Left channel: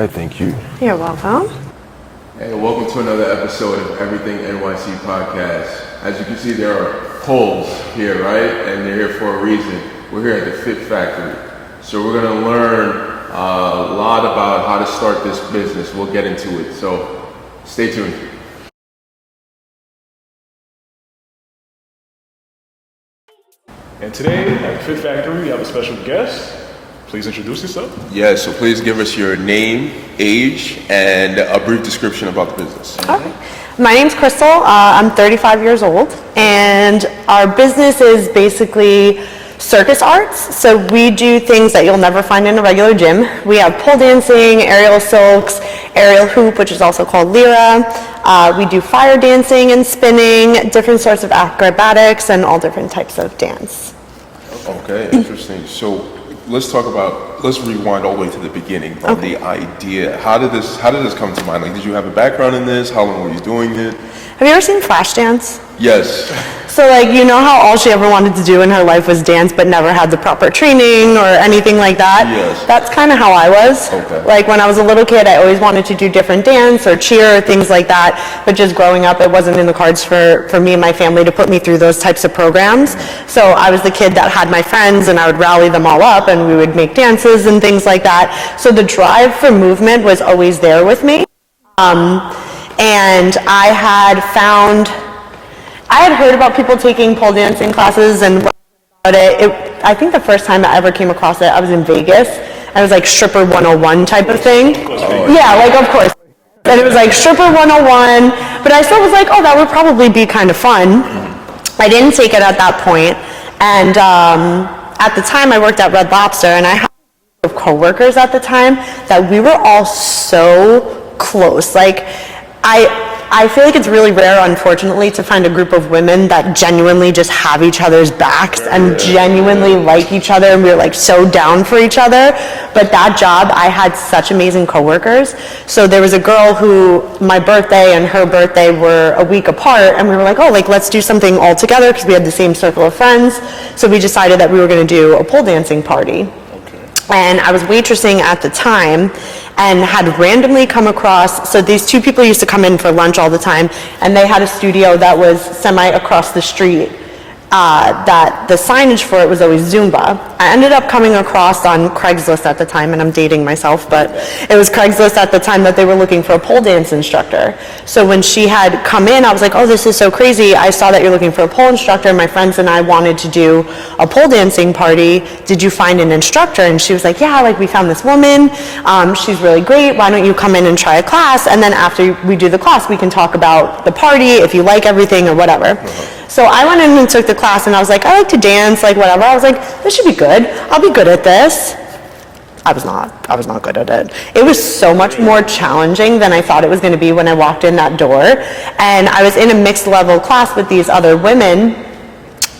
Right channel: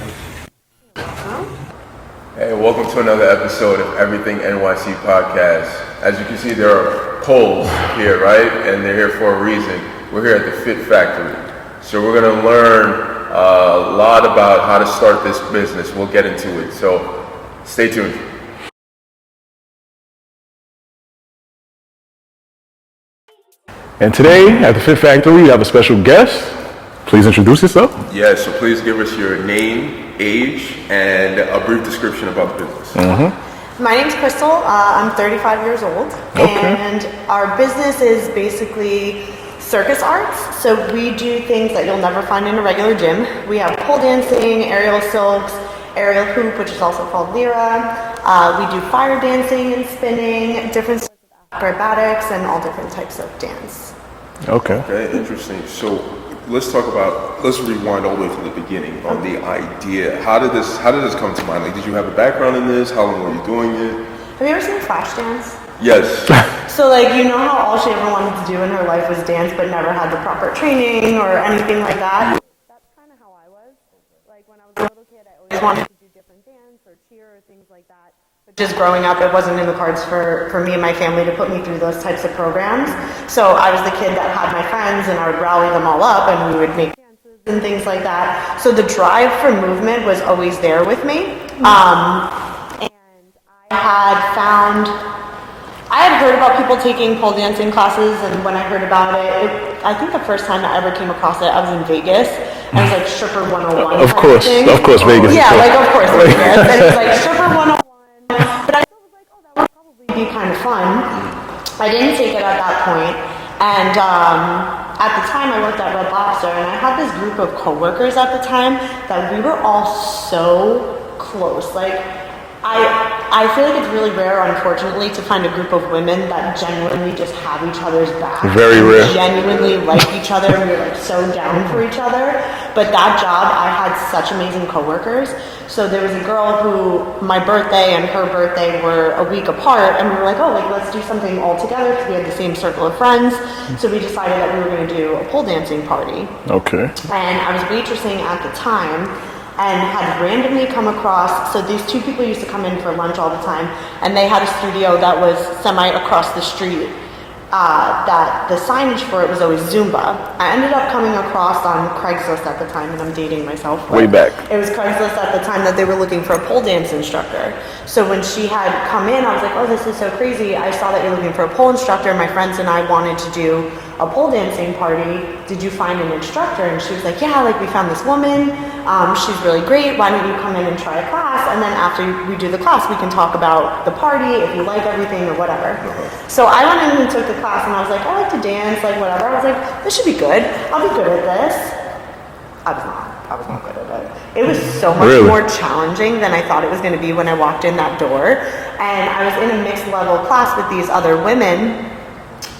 right, thank you. You're welcome. Hey, welcome to another episode of Everything NYC Podcast. As you can see, there are poles here, right? And they're here for a reason. We're here at the Fit Factory. So we're going to learn a lot about how to start this business. We'll get into it. So stay tuned. And today at the Fit Factory, we have a special guest. Please introduce yourself. Yeah, so please give us your name, age, and a brief description about the business. Mm-hmm. My name's Krystle. I'm 35 years old, and our business is basically circus arts. So we do things that you'll never find in a regular gym. We have pole dancing, aerial silks, aerial hoop, which is also called lyra. We do fire dancing and spinning, different sorts of acrobatics, and all different types of dance. Okay, interesting. So let's rewind all the way to the beginning of the idea. How did this come to mind? Like, did you have a background in this? How long were you doing it? Have you ever seen Flashdance? Yes. So, like, you know how all she ever wanted to do in her life was dance, but never had the proper training or anything like that? Yes. That's kind of how I was. Okay. Like, when I was a little kid, I always wanted to do different dance or cheer or things like that, but just growing up, it wasn't in the cards for me and my family to put me through those types of programs. So I was the kid that had my friends, and I would rally them all up, and we would make dances and things like that. So the drive for movement was always there with me. And I had heard about people taking pole dancing classes, and when I heard about it, I think the first time I ever came across it, I was in Vegas. I was like Stripper 101 type of thing. Of course, Vegas. Yeah, like of course Vegas. And it was like Stripper 101, but I still was like, oh, that would probably be kind of fun. I didn't take it at that point, and at the time I worked at Red Lobster, and I had this group of coworkers at the time that we were all so close. Like, I feel like it's really rare, unfortunately, to find a group of women that genuinely just have each other's backs. Very and rare. Genuinely like each other, and we're like so down for each other. But that job, I had such amazing coworkers. So there was a girl who, my birthday and her birthday were a week apart, and we were like, oh, like, let's do something all together, because we had the same circle of friends. So we decided that we were going to do a pole dancing party. Okay. And I was waitressing at the time, and had randomly come across, so these two people used to come in for lunch all the time, and they had a studio that was semi across the street, that the signage for it was always Zumba. I ended up coming across on Craigslist at the time, and I'm dating myself, but it was Craigslist at the time that they were looking for a pole dance instructor. So when she had come in, I was like, oh, this is so crazy. I saw that you're looking for a pole instructor, and my friends and I wanted to do a pole dancing party. Did you find an instructor? And she was like, yeah, like, we found this woman. She's really great. Why don't you come in and try a class? And then after we do the class, we can talk about the party, if you like everything or whatever. So I went in and took the class, and I was like, I like to dance, like, whatever. I was like, this should be good. I'll be good at this. I was not good at it. It was so much more challenging than I thought it was going to be when I walked in that door. And I was in a mixed level class with these other women,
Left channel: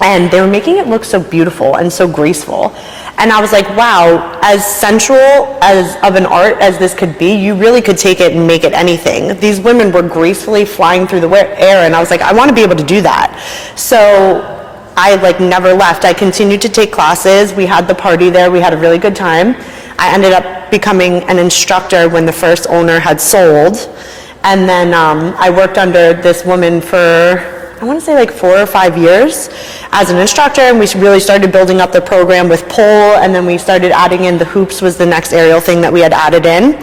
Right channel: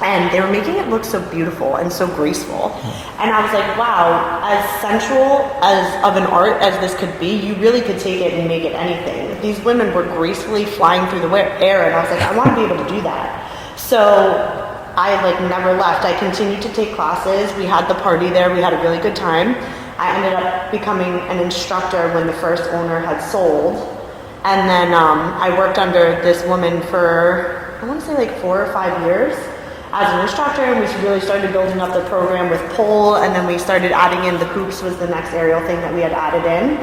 and they were making it look so beautiful and so graceful. And I was like, wow, as sensual as of an art as this could be, you really could take it and make it anything. These women were gracefully flying through the air, and I was like, I want to be able to do that. So I never left. I continued to take classes. We had the party there. We had a really good time. I ended up becoming an instructor when the first owner had sold. And then I worked under this woman for, I want to say, like 4 or 5 years as an instructor, and we really started building up the program with pole, and then we started adding in the hoops was the next aerial thing that we had added in.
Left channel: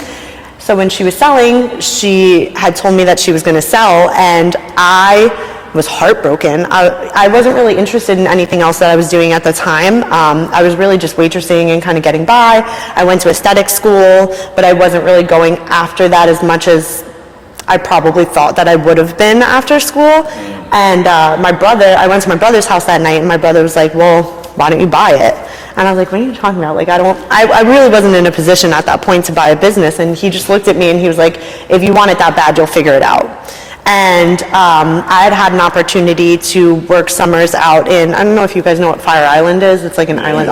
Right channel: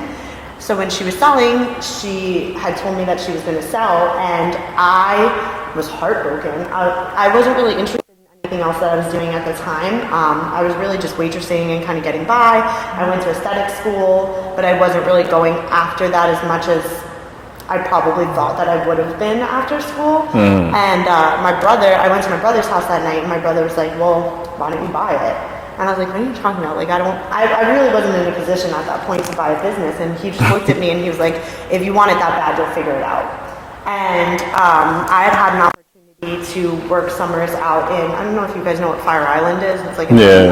So when she was selling, she had told me that she was going to sell, and I was heartbroken. I wasn't really interested in anything else that I was doing at the time. I was really just waitressing and kind of getting by. I went to aesthetic school, but I wasn't really going after that as much as I probably thought that I would have been after school. And I went to my brother's house that night, and my brother was like, well, why don't you buy it? And I was like, what are you talking about? Like, I really wasn't in a position at that point to buy a business. And he just looked at me and he was like, if you want it that bad, you'll figure it out. And I had an opportunity to work summers out in, I don't know if you guys know what Fire Island is. It's like an island.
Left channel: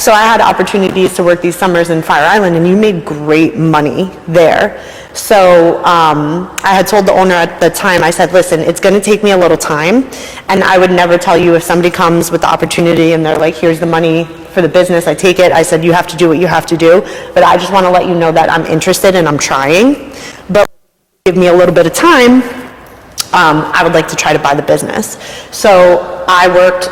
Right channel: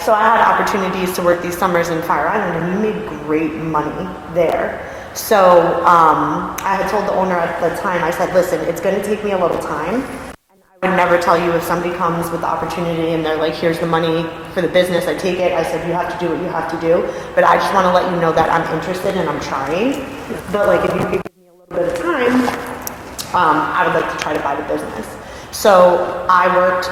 So I had opportunities to work these summers in Fire Island, and you made great money there. So I had told the owner at the time, I said, listen, it's going to take me a little time, and I would never tell you if somebody comes with the opportunity and they're like, here's the money for the business, I take it. I said, you have to do what you have to do, but I just want to let you know that I'm interested and I'm trying. But like, if you could give me a little bit of time, I would like to try to buy the business. So I worked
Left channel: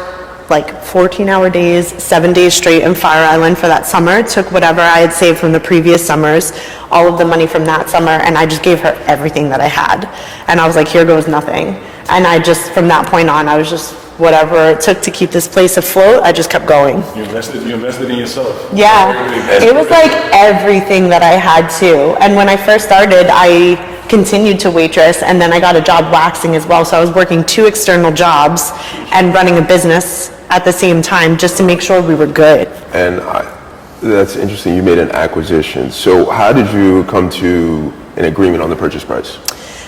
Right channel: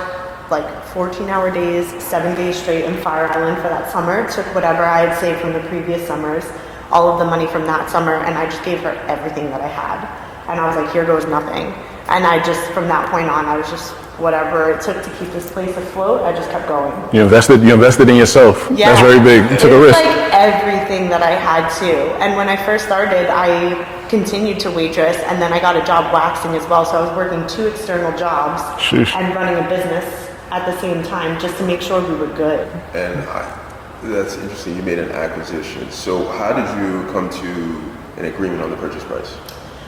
like 14-hour days, 7 days straight in Fire Island for that summer, took whatever I had saved from the previous summers, all of the money from that summer, and I just gave her everything that I had. And I was like, here goes nothing. And I just, from that point on, I was just, whatever it took to keep this place afloat, I just kept going. You invested in yourself. Yeah. That's very big. It was like everything that I had too. And when I first started, I continued to waitress, and then I got a job waxing as well. So I was working 2 external jobs and running a business at the same time just to make sure we were good. And that's interesting. You made an acquisition. So how did you come to an agreement on the purchase price?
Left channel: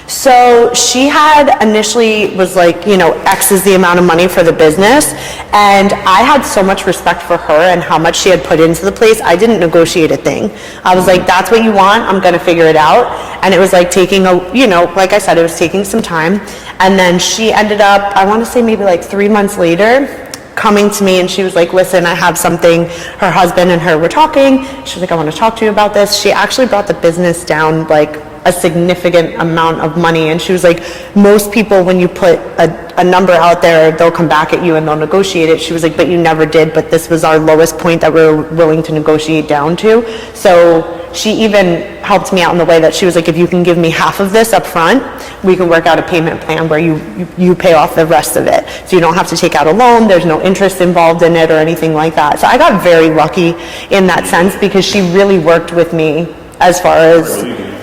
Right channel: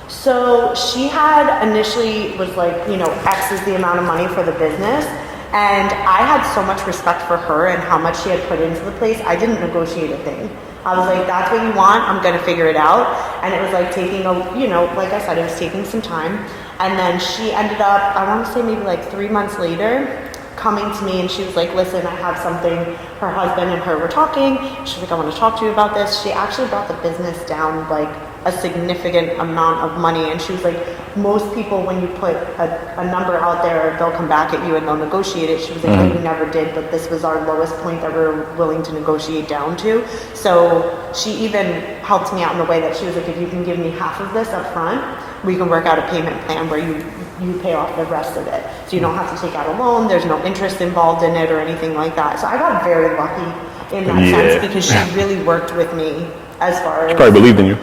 So she had initially was like, you know, X is the amount of money for the business. And I had so much respect for her and how much she had put into the place. I didn't negotiate a thing. I was like, that's what you want. I'm going to figure it out. And it was like taking like I said, it was taking some time. And then she ended up, I want to say maybe like 3 months later, coming to me, and she was like, listen, I have something. Her husband and her were talking. She was like, I want to talk to you about this. She actually brought the business down like a significant amount of money, and she was like, most people, when you put a number out there, they'll come back at you and they'll negotiate it. She was like, but you never did, but this was our lowest point that we were willing to negotiate down to. So she even helped me out in the way that she was like, if you can give me half of this up front, we can work out a payment plan where you pay off the rest of it. So you don't have to take out a loan, there's no interest involved in it or anything like that. So I got very lucky in that sense, because she really worked with me as far as... Probably believed in you.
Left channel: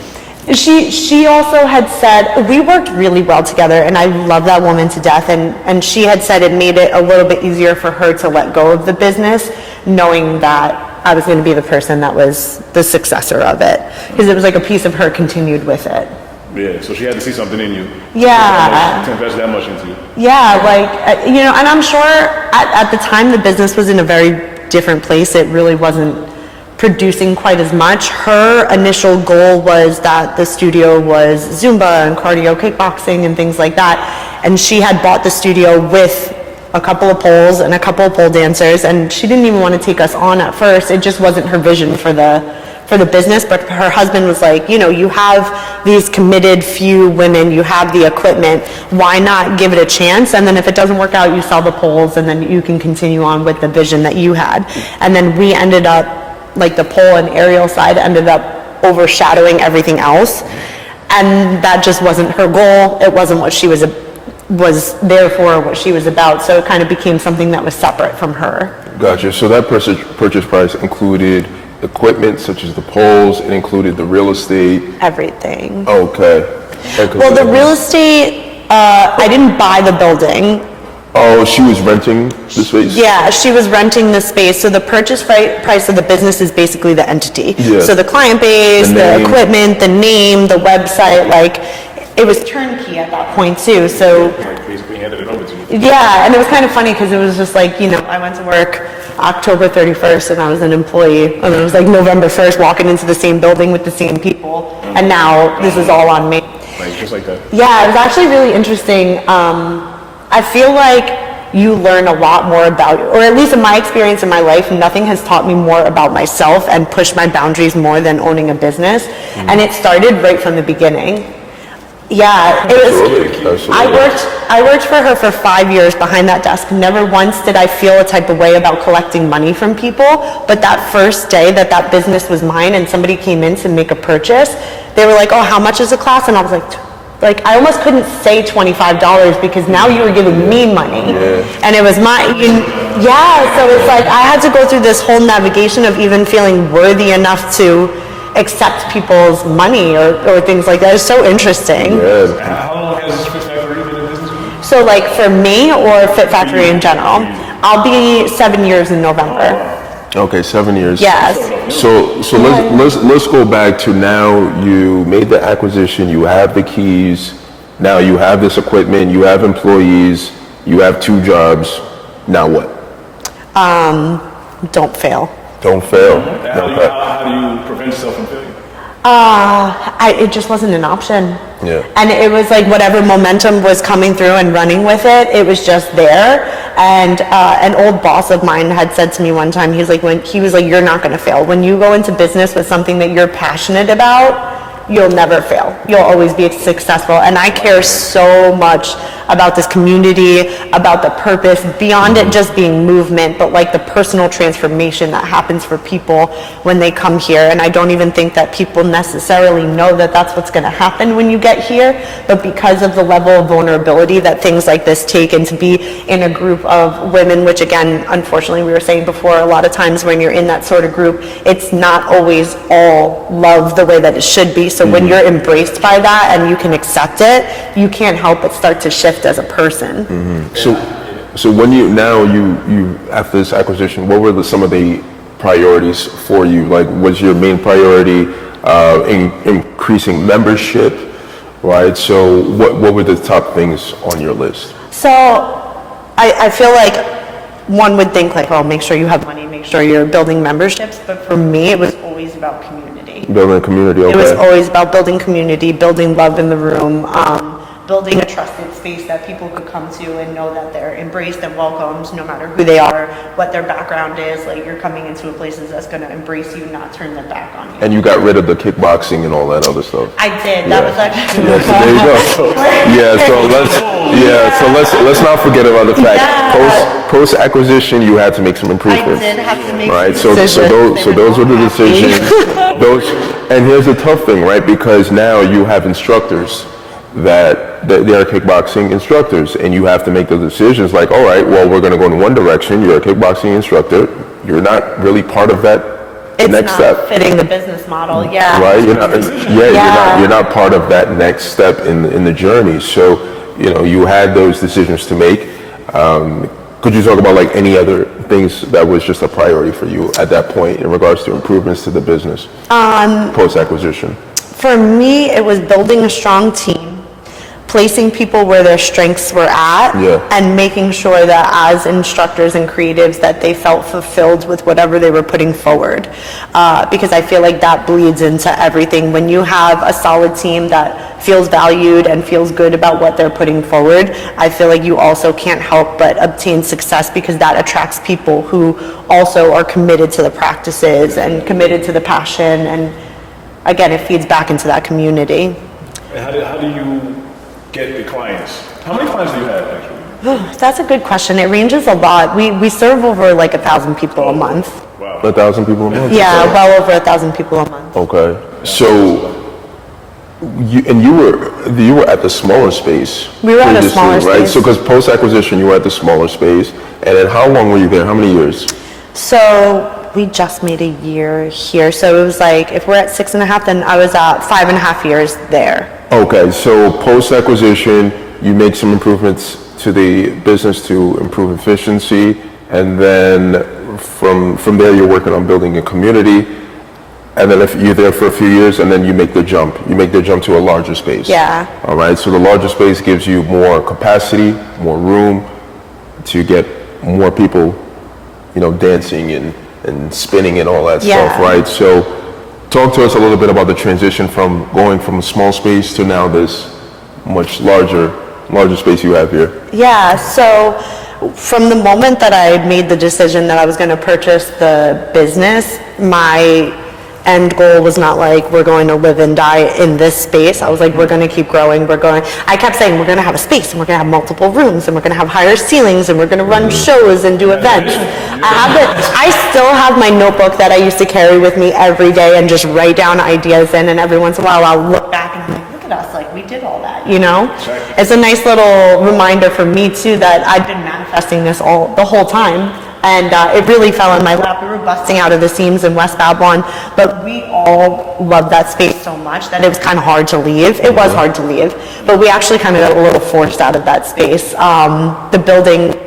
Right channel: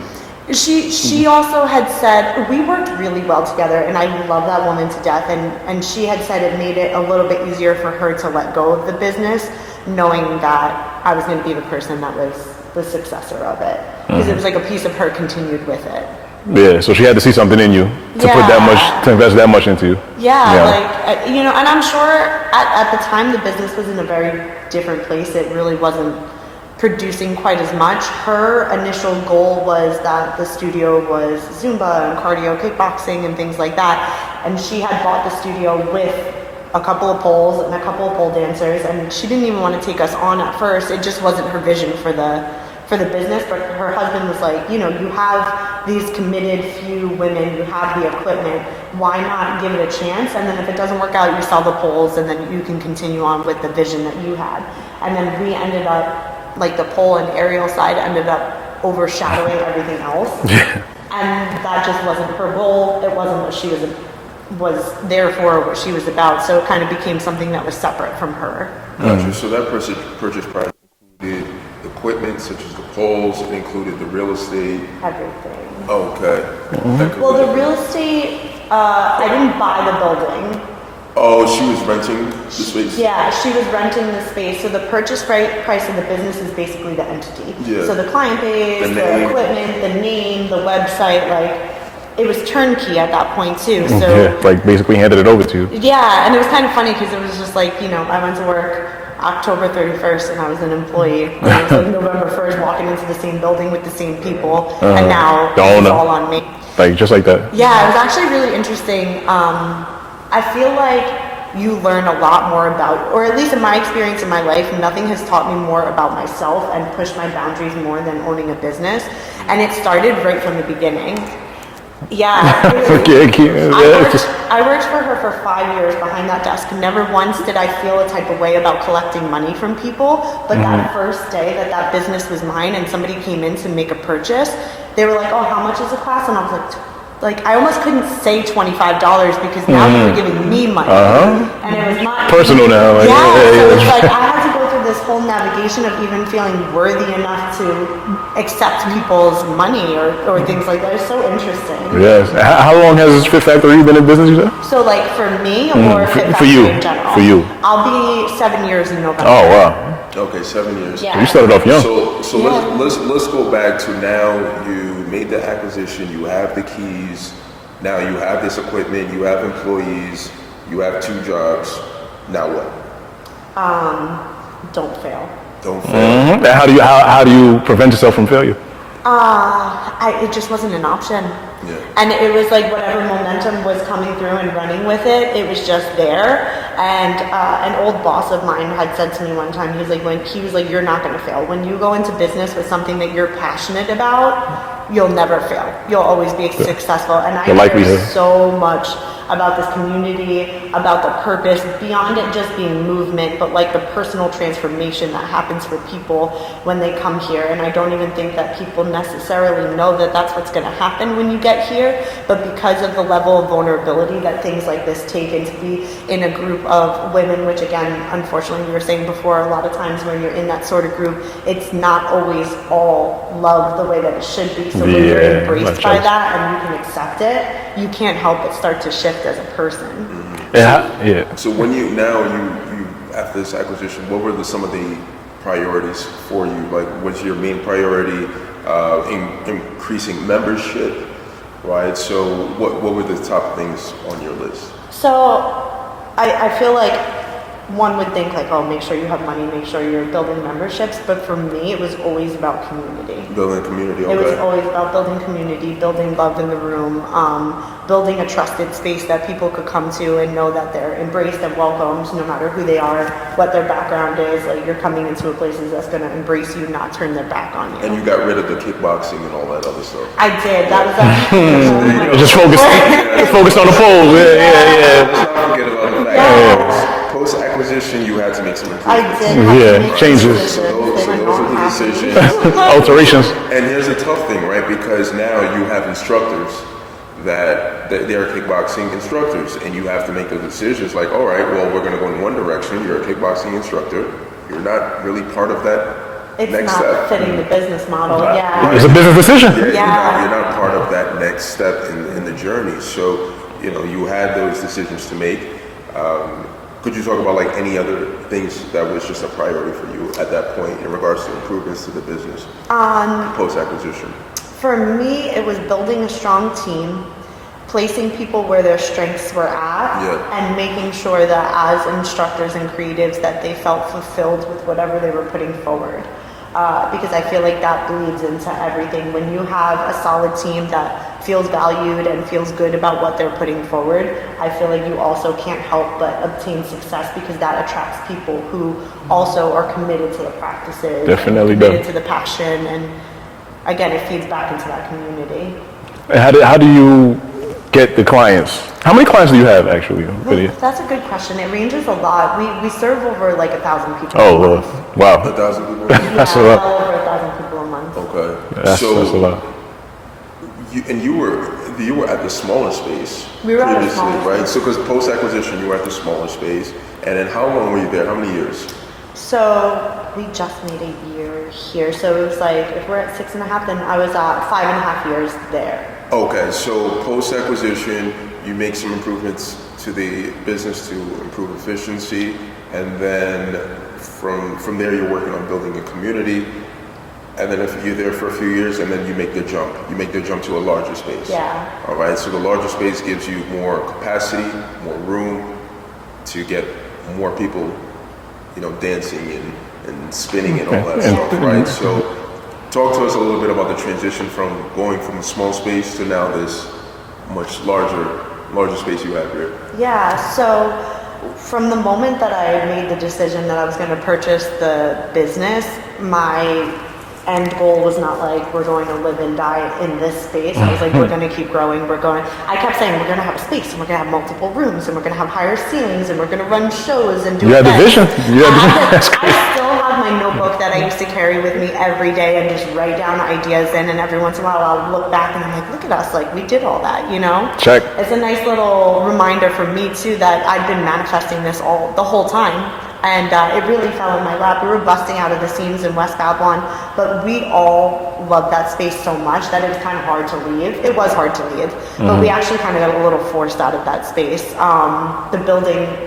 She also had said, we worked really well together, and I love that woman to death, and she had said it made it a little bit easier for her to let go of the business, knowing that I was going to be the person that was the successor of it, because it was like a piece of her continued with it. Yeah, so she had to see something in you to put to invest that much into you. Yeah, like, you know, and I'm sure at the time the business was in a very different place. It really wasn't producing quite as much. Her initial goal was that the studio was Zumba and cardio kickboxing and things like that, and she had bought the studio with a couple of poles and a couple of pole dancers, and she didn't even want to take us on at first. It just wasn't her vision for the business. But her husband was like, you know, you have these committed few women, you have the equipment, why not give it a chance? And then if it doesn't work out, you sell the poles, and then you can continue on with the vision that you had. And then we ended up, like, the pole and aerial side ended up overshadowing everything else. And that just wasn't her goal. It wasn't what she was there for, what she was about. So it kind of became something that was separate from her. Gotcha. So that purchase price included equipment such as the poles, it included the real estate. Everything. Okay. Well, the real estate, I didn't buy the building. Oh, she was renting the space? Yeah, she was renting the space. So the purchase price of the business is basically the entity. Yeah. So the client base, the equipment, the name, the website, like, it was turnkey at that point too. So like basically handed it over to you. Yeah, and it was kind of funny because it was just like, you know, I went to work October 31st and I was an employee. And it was like November 1st walking into the same building with the same people. And now this is all on me. Like, just like that. Yeah, it was actually really interesting. I feel like you learn a lot more about, or at least in my experience in my life, nothing has taught me more about myself and pushed my boundaries more than owning a business. And it started right from the beginning. Yeah, it was, I worked for her for 5 years behind that desk. Never once did I feel a type of way about collecting money from people. But that first day that business was mine and somebody came in to make a purchase, they were like, oh, how much is the class? And I was like, I almost couldn't say $25 because now you were giving me money. And it was my... Personal now. Yeah, so it's like I had to go through this whole navigation of even feeling worthy enough to accept people's money or things like that. It's so interesting. Yes. How long has Fit Factory been in business, you said? So like for me or Fit Factory in general? For you. I'll be 7 years in November. Oh, wow. Okay, 7 years. Yeah. You started off young. So let's go back to now. You made the acquisition. You have the keys. Now you have this equipment. You have employees. You have 2 jobs. Now what? Don't fail. Don't fail. How do you prevent yourself from failure? It just wasn't an option. Yeah. And it was like whatever momentum was coming through and running with it, it was just there. And an old boss of mine had said to me one time, he was like, you're not going to fail. When you go into business with something that you're passionate about, you'll never fail. You'll always be successful. And I care so much about this community, about the purpose, beyond it just being movement, but like the personal transformation that happens for people when they come here. And I don't even think that people necessarily know that that's what's going to happen when you get here, but because of the level of vulnerability that things like this take, and to be in a group of women, which again, unfortunately, we were saying before, a lot of times when you're in that sort of group, it's not always all love the way that it should be. So when you're embraced by that and you can accept it, you can't help but start to shift as a person. So when you after this acquisition, what were some of the priorities for you? Like, was your main priority increasing membership, right? So what were the top things on your list? So I feel like one would think like, oh, make sure you have money, make sure you're building memberships. But for me, it was always about community. Building community, okay. It was always about building community, building love in the room, building a trusted space that people could come to and know that they're embraced and welcomed no matter who they are, what their background is. Like, you're coming into a place that's going to embrace you, not turn their back on you. And you got rid of the kickboxing and all that other stuff. I did. That was actually there you go. Just focus on the pole. So let's not forget about the fact that post acquisition, you had to make some improvements. I did have to make So those were the decisions. Alterations. And here's the tough thing, right? Because now you have instructors that they are kickboxing instructors, and you have to make those decisions like, all right, well, we're going to go in one direction. You're a kickboxing instructor. You're not really part of that next step. It's not fitting the business model. Right. Yeah. It's a business decision. Yeah. You're not part of that next step in the journey. So, you had those decisions to make. Could you talk about like any other things that was just a priority for you at that point in regards to improvements to the business post acquisition? For me, it was building a strong team, placing people where their strengths were at, and making sure that as instructors and creatives that they felt fulfilled with whatever they were putting forward. Because I feel like that bleeds into everything. When you have a solid team that feels valued and feels good about what they're putting forward, I feel like you also can't help but obtain success, because that attracts people who also are committed to the practices and committed to the passion. And again, it feeds back into that community. How do you get the clients? How many clients do you have actually? That's a good question. It ranges a lot. We serve over like 1,000 people a month. Wow, 1,000 people a month? Yeah, well over 1,000 people a month. Okay. You were at the smaller space. We were at a smaller right? space. So because post acquisition, you were at the smaller space, and then how long were you there? How many years? So we just made a year here. So it was like, if we're at 6.5, then I was at 5.5 years there. Okay, so post acquisition, you make some improvements to the business to improve efficiency, and then from there you're working on building a community, and then if you're there for a few years, and then you make the jump to a larger space. Yeah. All right, so the larger space gives you more capacity, more room to get more people, dancing and spinning and all that stuff, right? So talk to us a little bit about the transition from going from a small space to now this much larger space you have here. Yeah, so from the moment that I made the decision that I was going to purchase the business, my end goal was not like, we're going to live and die in this space. I was like, we're going to keep growing. I kept saying, we're going to have a space, and we're going to have multiple rooms, and we're going to have higher ceilings, and we're going to run shows and do events. I still have my notebook that I used to carry with me every day and just write down ideas in, and every once in a while I'll look back and I'm like, look at us, like we did all that, Check. It's a nice little reminder for me too that I've been manifesting this the whole time. And it really fell in my lap. We were busting out of the seams in West Babylon, but we all loved that space so much that it was kind of hard to leave. It was hard to leave, but we actually kind of got a little forced out of that space. The building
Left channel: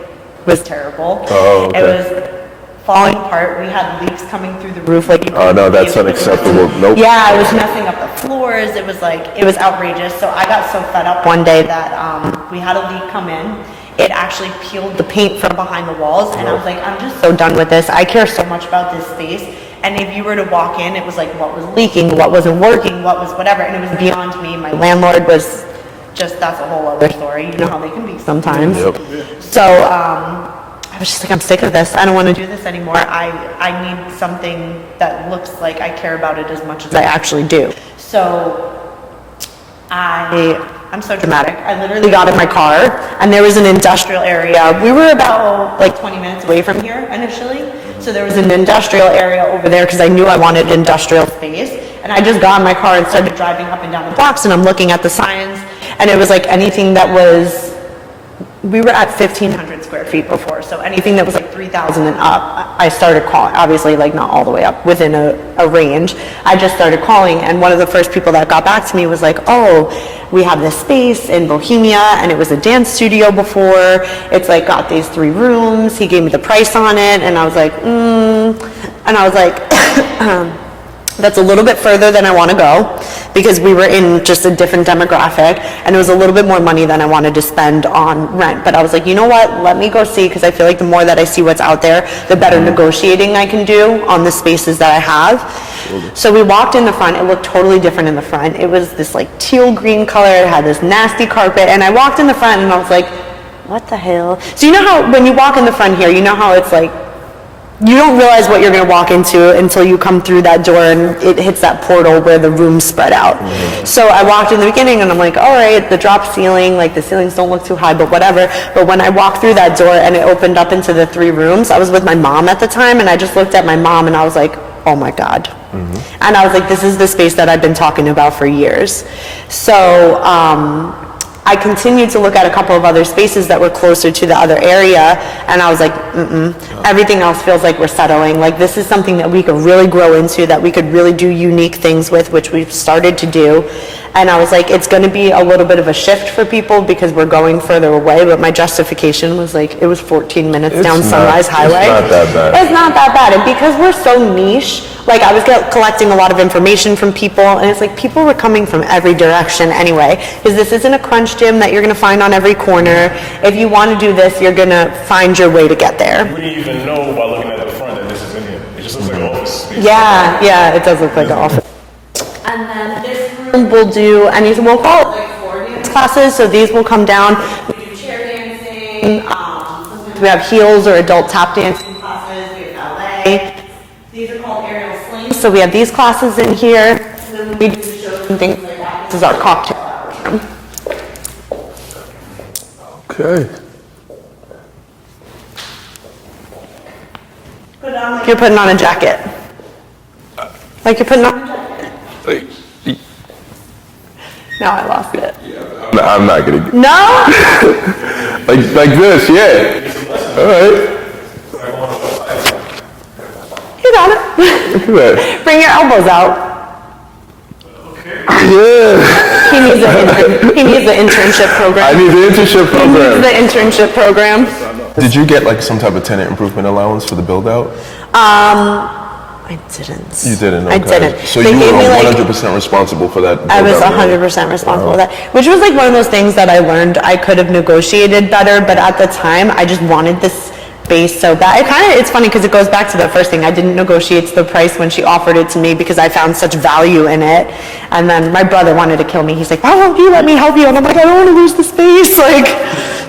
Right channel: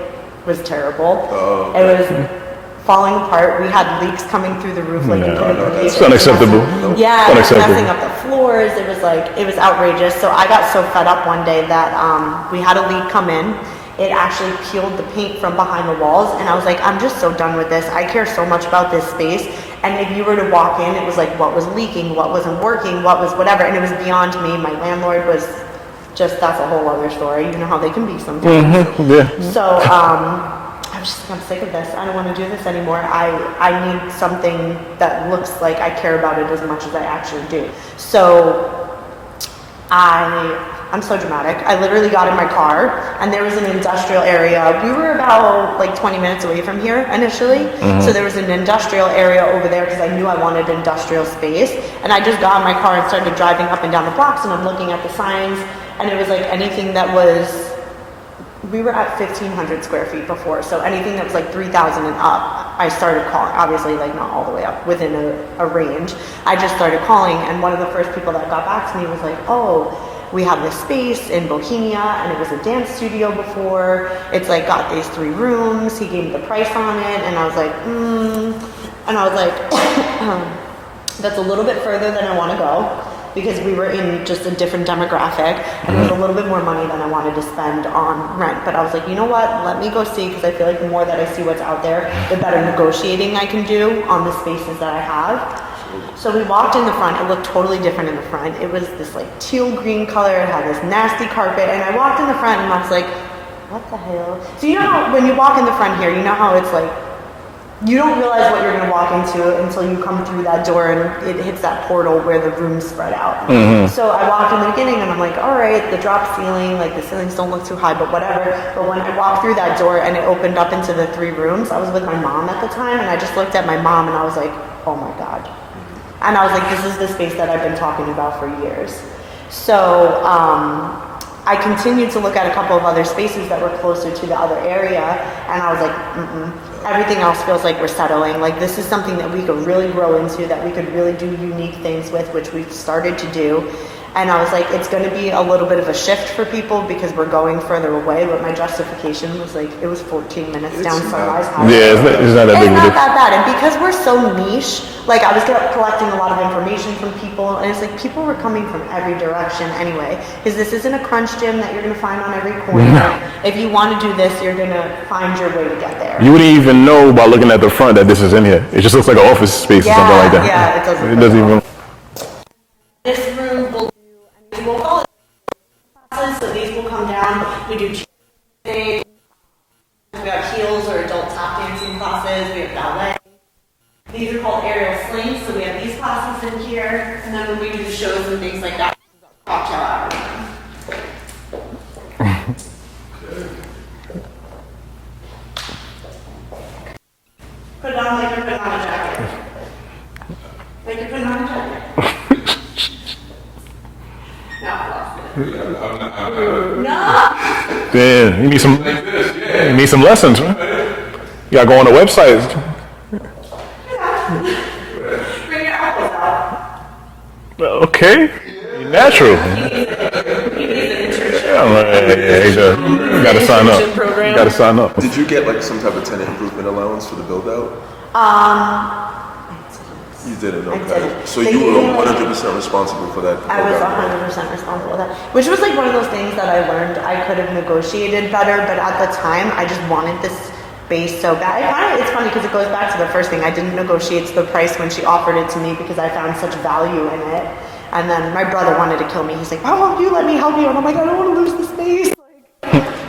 was terrible. Oh, okay. It was falling apart. We had leaks coming through the roof. That's unacceptable. Nope. Yeah, it was messing up the floors. It was outrageous. So I got so fed up one day that we had a leak come in. It actually peeled the paint from behind the walls, and I was like, I'm just so done with this. I care so much about this space, And if you were to walk in, it was like what was leaking, what wasn't working, what was whatever, and it was beyond me. My landlord was just, that's a whole other story. You know how they can be sometimes. So I was just like, I'm sick of this. I don't want to do this anymore. I need something that looks like I care about it as much as I actually do. So I'm so dramatic. I literally got in my car, and there was an industrial area. We were about like 20 minutes away from here initially. So there was an industrial area over there because I knew I wanted industrial space. And I just got in my car and started driving up and down the blocks, and I'm looking at the signs, and it was like anything that was, we were at 1,500 square feet before, so anything that was like 3,000 and up, I started calling, obviously like not all the way up, within a range. I just started calling, and one of the first people that got back to me was like, oh, we have this space in Bohemia, and it was a dance studio before. It's like got these 3 rooms. He gave me the price on it, and I was like, and I was like, that's a little bit further than I want to go, because we were in just a different demographic, and it was a little bit more money than I wanted to spend on rent. But I was like, you know what, let me go see, because I feel like the more that I see what's out there, the better negotiating I can do on the spaces that I have. So we walked in the front. It looked totally different in the front. It was this like teal green color. It had this nasty carpet, and I walked in the front, and I was like, what the hell? So you know how when you walk in the front here, you know how it's like, you don't realize what you're going to walk into until you come through that door and it hits that portal where the rooms spread out. So I walked in the beginning, and I'm like, all right, the drop ceiling, like the ceilings don't look too high, but whatever. But when I walked through that door and it opened up into the 3 rooms, I was with my mom at the time, and I just looked at my mom and I was like, oh my God. And I was like, this is the space that I've been talking about for years. So I continued to look at a couple of other spaces that were closer to the other area, and I was like, everything else feels like we're settling. Like, this is something that we could really grow into, that we could really do unique things with, which we've started to do. And I was like, it's going to be a little bit of a shift for people because we're going further away. But my justification was like, it was 14 minutes down Sunrise Highway. It's not that bad. And because we're so niche, like I was collecting a lot of information from people, and it's like people were coming from every direction anyway. Because this isn't a crunch gym that you're going to find on every corner. If you want to do this, you're going to find your way to get there. You wouldn't even know by looking at the front that this is in here. It just looks like an office space or something like that. Yeah, it does look like an office. And then this room will do anything, we'll call it like 4 dance classes, so these will come down. We do chair dancing, sometimes we have heels or adult tap dancing classes, we have ballet. These are called aerial slings, so we have these classes in here, and then we do shows and things like that. This is our cocktail hour room. Okay. Put it on like you're putting on a jacket. Like you're putting on a jacket. Jeez. Now I lost it. I'm not gonna. No? Yeah, like some like this. Yeah, you need some lessons. All right. You gotta go on the website. You got it. Look at that. Bring your elbows out. Okay. Yeah, that's true. He needs the internship program. I need the internship program. The internship program. Gotta sign up. Did you get like some type of tenant improvement allowance for the build out? I didn't. You didn't? Okay. I didn't. So They you gave were me, 100% responsible for that? I was program, 100% responsible for that, which was like one of those things that I learned I could have negotiated better, but at the time I just wanted this space so bad. It's funny because it goes back to the first thing. I didn't negotiate the price when she offered it to me because I found such value in it. And then my brother wanted to kill me. He's like, why won't you let me help you? And I'm like, I don't want to lose the space. Like,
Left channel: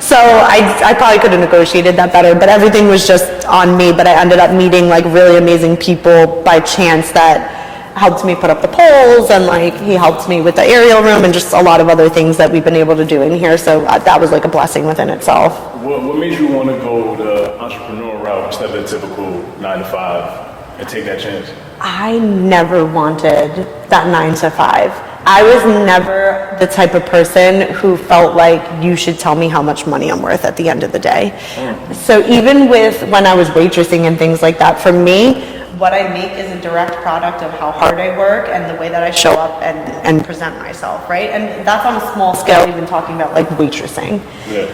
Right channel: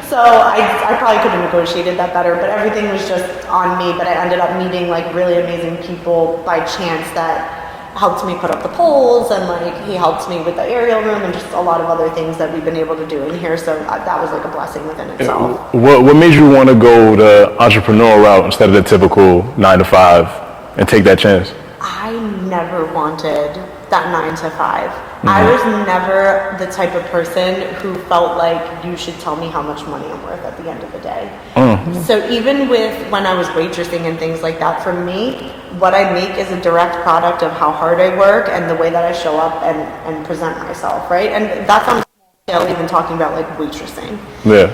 so I probably could have negotiated that better, but everything was just on me. But I ended up meeting like really amazing people by chance that helped me put up the poles, and like he helped me with the aerial room and just a lot of other things that we've been able to do in here. So that was like a blessing within itself. What made you want to go the entrepreneur route instead of the typical 9 to 5 and take that chance? I never wanted that 9 to 5. I was never the type of person who felt like you should tell me how much money I'm worth at the end of the day. So even with when I was waitressing and things like that, for me, what I make is a direct product of how hard I work and the way that I show up and present myself, right? And that's on a small scale, even talking about like waitressing. Yeah.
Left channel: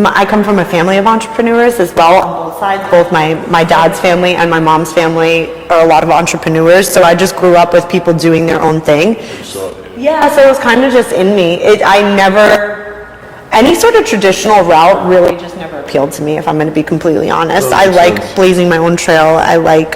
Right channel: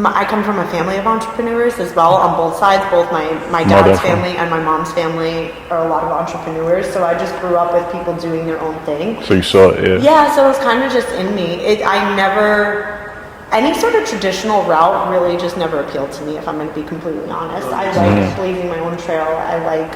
I come from a family of entrepreneurs as well on both sides. Both my dad's family and my mom's family are a lot of entrepreneurs. So I just grew up with people doing their own thing. So you saw it, Yeah, so it was kind of just in me. any sort of traditional route really just never appealed to me, if I'm going to be completely honest. I like blazing my own trail. I like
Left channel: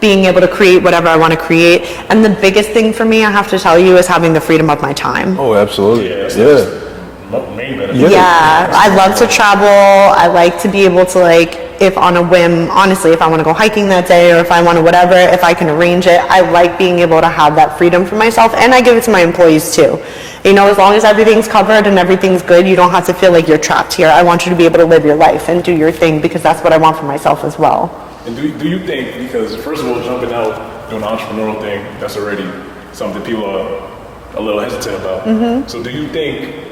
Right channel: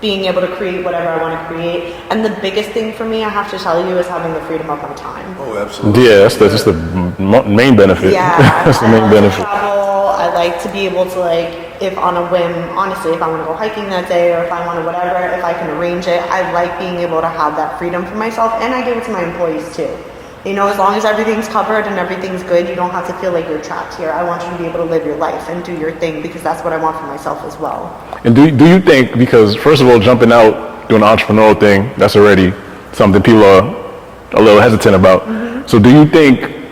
being able to create whatever I want to create. And the biggest thing for me, I have to tell you, is having the freedom of my time. Oh, absolutely. Yeah, that's just the main benefit. Yeah, I love to travel. I like to be able to, like, if on a whim, honestly, if I want to go hiking that day or if I want to whatever, if I can arrange it, I like being able to have that freedom for myself, and I give it to my employees too. You know, as long as everything's covered and everything's good, you don't have to feel like you're trapped here. I want you to be able to live your life and do your thing, because that's what I want for myself as well. And do you think, because first of all, jumping out, doing the entrepreneurial thing, that's already something people are a little hesitant about. So do you think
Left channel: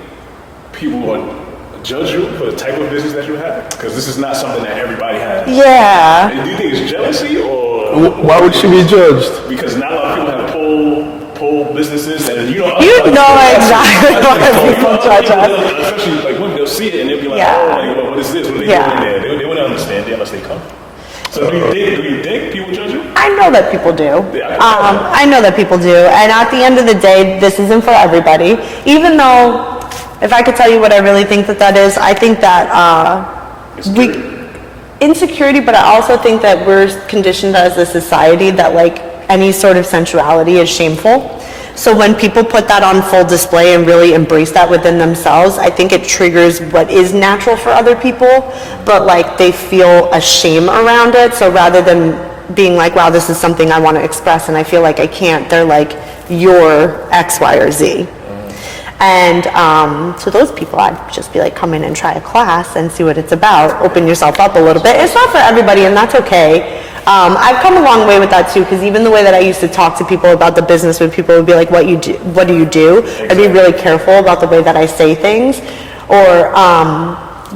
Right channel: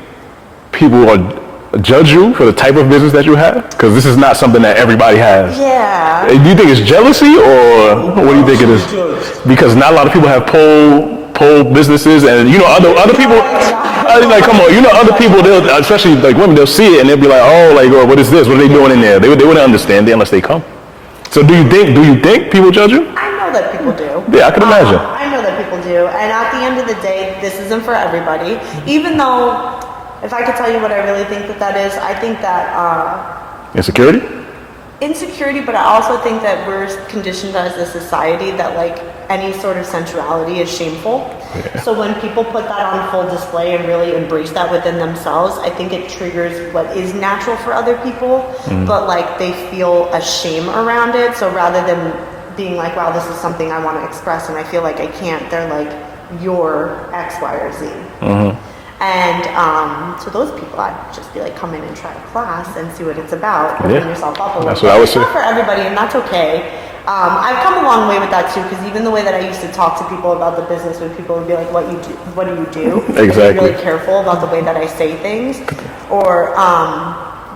people are judge you for the type of business that you have? Because this is not something that everybody has. Yeah. Do you think it's jealousy, or why would you be judged? Because not a lot of people have pole businesses, and you know other people. Exactly. Like, come on, you know other people, especially like women, they'll see it and they'll be like, oh, like, oh, what is this? What are they doing in there? They wouldn't understand it unless they come. So do you think people judge you? I know that people do. Yeah, I can imagine. I know that people do, and at the end of the day, this isn't for everybody. Even though, if I could tell you what I really think that is, I think that insecurity, but I also think that we're conditioned as a society that, like, any sort of sensuality is shameful. So when people put that on full display and really embrace that within themselves, I think it triggers what is natural for other people, but like they feel a shame around it. So rather than being like, wow, this is something I want to express and I feel like I can't, they're like, you're X, Y, or Z. And to those people, I'd just be like, come in and try a class and see what it's about. Open yourself up a little bit. It's not for everybody, and that's okay. I've come a long way with that too, because even the way that I used to talk to people about the business, when people would be like, what do you do? I'd be really careful about the way that I say things. Or,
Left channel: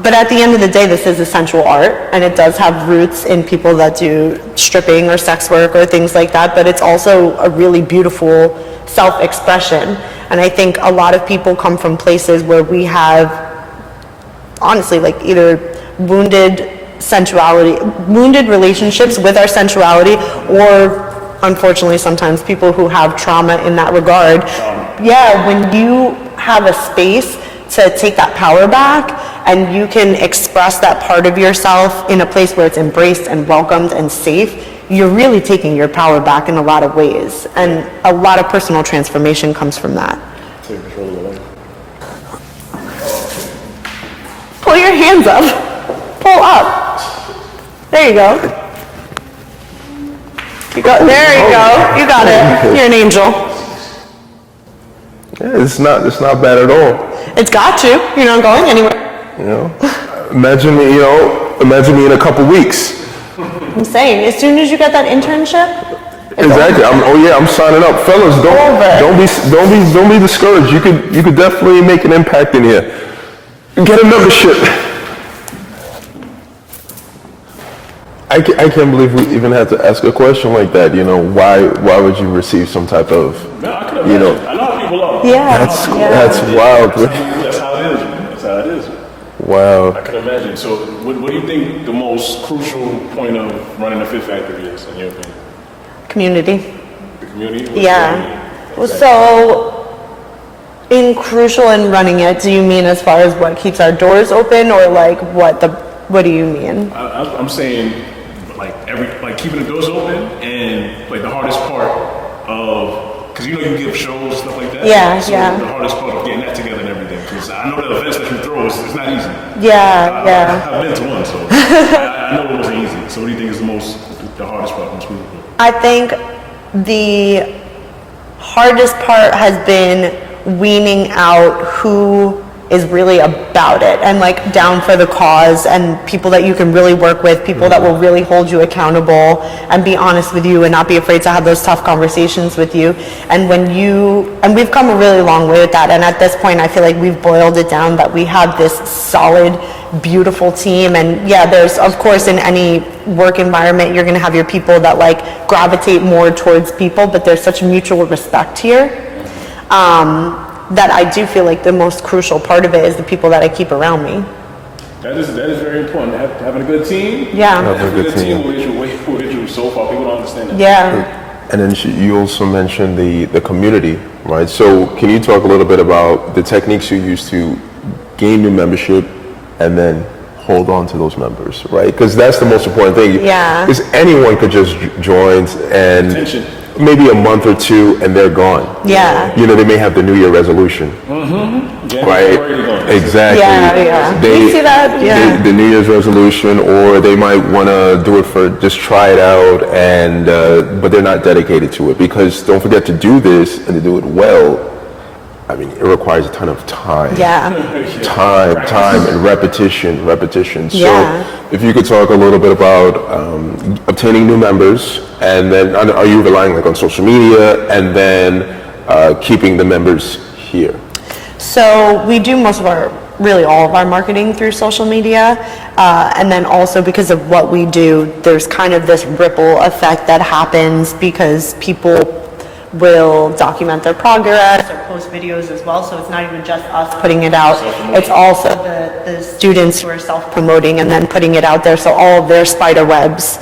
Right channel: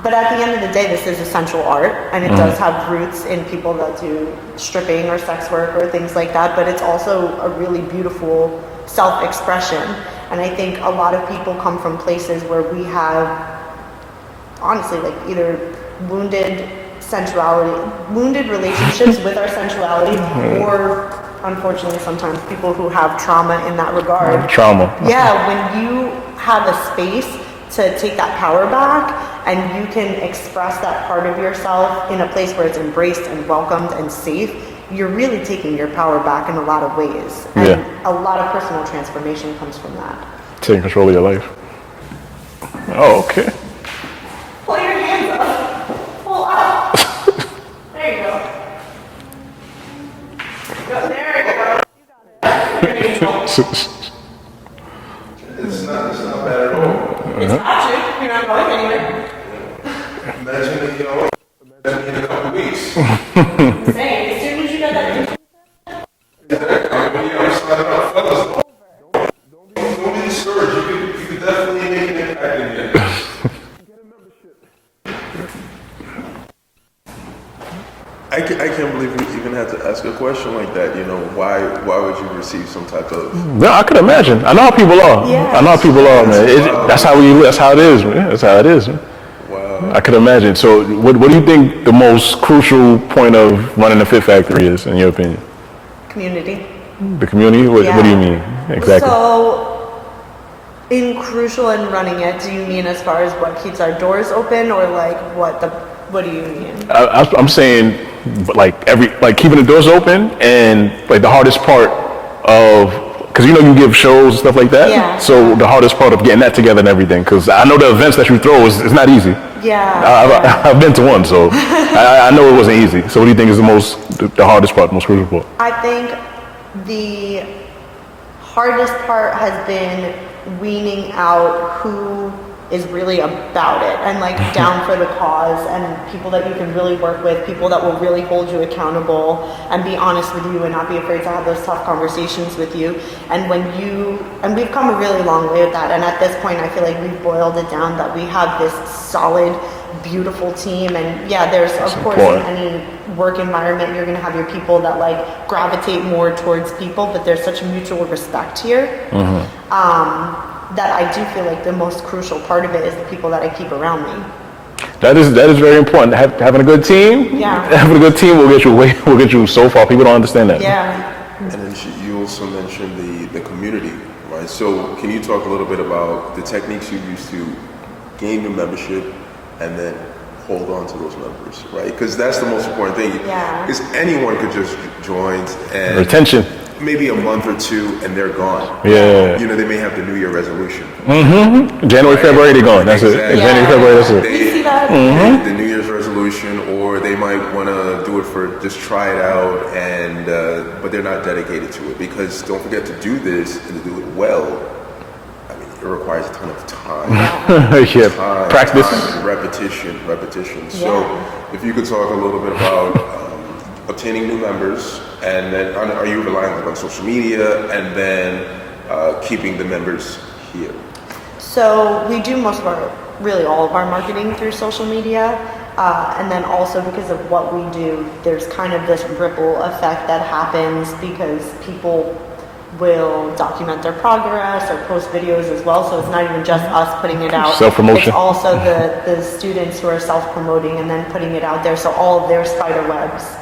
but at the end of the day, this is a sensual art, and it does have roots in people that do stripping or sex work or things like that, but it's also a really beautiful self-expression. And I think a lot of people come from places where we have, honestly, like either wounded relationships with our sensuality, or unfortunately sometimes people who have trauma in that regard. Yeah, when you have a space to take that power back and you can express that part of yourself in a place where it's embraced and welcomed and safe, you're really taking your power back in a lot of ways. And a lot of personal transformation comes from that. Taking control of your life. Oh, okay. Pull your hands up. Pull up. There you go. There you go. You got it. You're an angel. Yeah, it's not bad at all. It's got you. You're not going anywhere. You know, imagine me in a couple weeks. I'm saying, as soon as you get that internship. Exactly. I'm signing up, fellas. Don't be discouraged. You could definitely make an impact in here. Get a membership. I can't believe we even had to ask a question like that. You know, why would you receive some type of? No, I can imagine. I know how people are. Yeah. I know how people are. That's how we. That's how it is. Man. That's how it is. Man. Wow. I can imagine. So, what do you think the most crucial point of running the Fit Factory is, in your opinion? Community. The community? What do you mean exactly? So, in crucial in running it, do you mean as far as what keeps our doors open, or like what do you mean? I'm saying like keeping the doors open, and like the hardest part of, because you know you give shows and stuff like that. Yeah. So the hardest part of getting that together and everything, because I know the events that you throw is not easy. Yeah. I've been to one, so I know it wasn't easy. So what do you think is the hardest part, the most crucial part? I think the hardest part has been weaning out who is really about it and like down for the cause, and people that you can really work with, people that will really hold you accountable and be honest with you and not be afraid to have those tough conversations with you. And we've come a really long way with that, and at this point I feel like we've boiled it down that we have this solid, beautiful team. And yeah, there's of course in any work environment you're going to have your people that like gravitate more towards people, but there's such mutual respect here. That I do feel like the most crucial part of it is the people that I keep around me. That is very important. Having a good team. Yeah. Having a good team will get you so far. People don't understand that. Yeah. And then you also mentioned the community, right? So can you talk a little bit about the techniques you use to gain new membership, and then hold on to those members, right? Because that's the most important thing. Yeah. Because anyone could just join and Retention. maybe a month or two and they're gone. Yeah. You know, they may have the New Year resolution. January, Right. February, they're gone. That's it. Exactly. Yeah. You see that? Yeah. The New Year's resolution, or they might want to do it for just try it out, and but they're not dedicated to it. Because don't forget, to do this and to do it well, I mean, it requires a ton of time. Yeah. Yeah. Time and repetition. So Yeah. if you could talk a little bit about obtaining new members, and then are you relying like on social media, and then keeping the members here? So we do really all of our marketing through social media. And then also because of what we do, there's kind of this ripple effect that happens because people will document their progress or post videos as well. So it's not even just us putting it out. Self-promotion. It's also the students who are self-promoting and then putting it out there. So all of their spider webs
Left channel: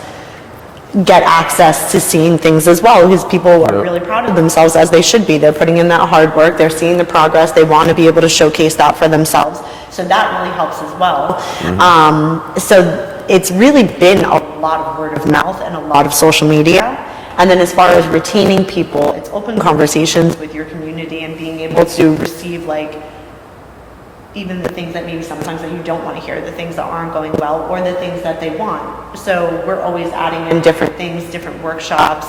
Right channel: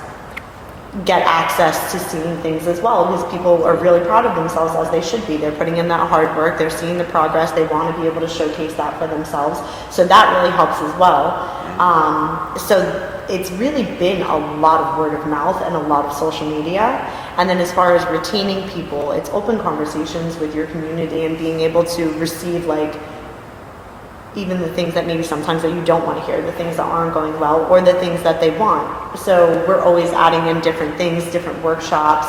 get access to seeing things as well, because people are really proud of themselves, as they should be. They're putting in that hard work, they're seeing the progress, they want to be able to showcase that for themselves. So that really helps as well. So it's really been a lot of word of mouth and a lot of social media. And then as far as retaining people, it's open conversations with your community and being able to receive even the things that maybe sometimes that you don't want to hear, the things that aren't going well, or the things that they want. So we're always adding in different things, different workshops.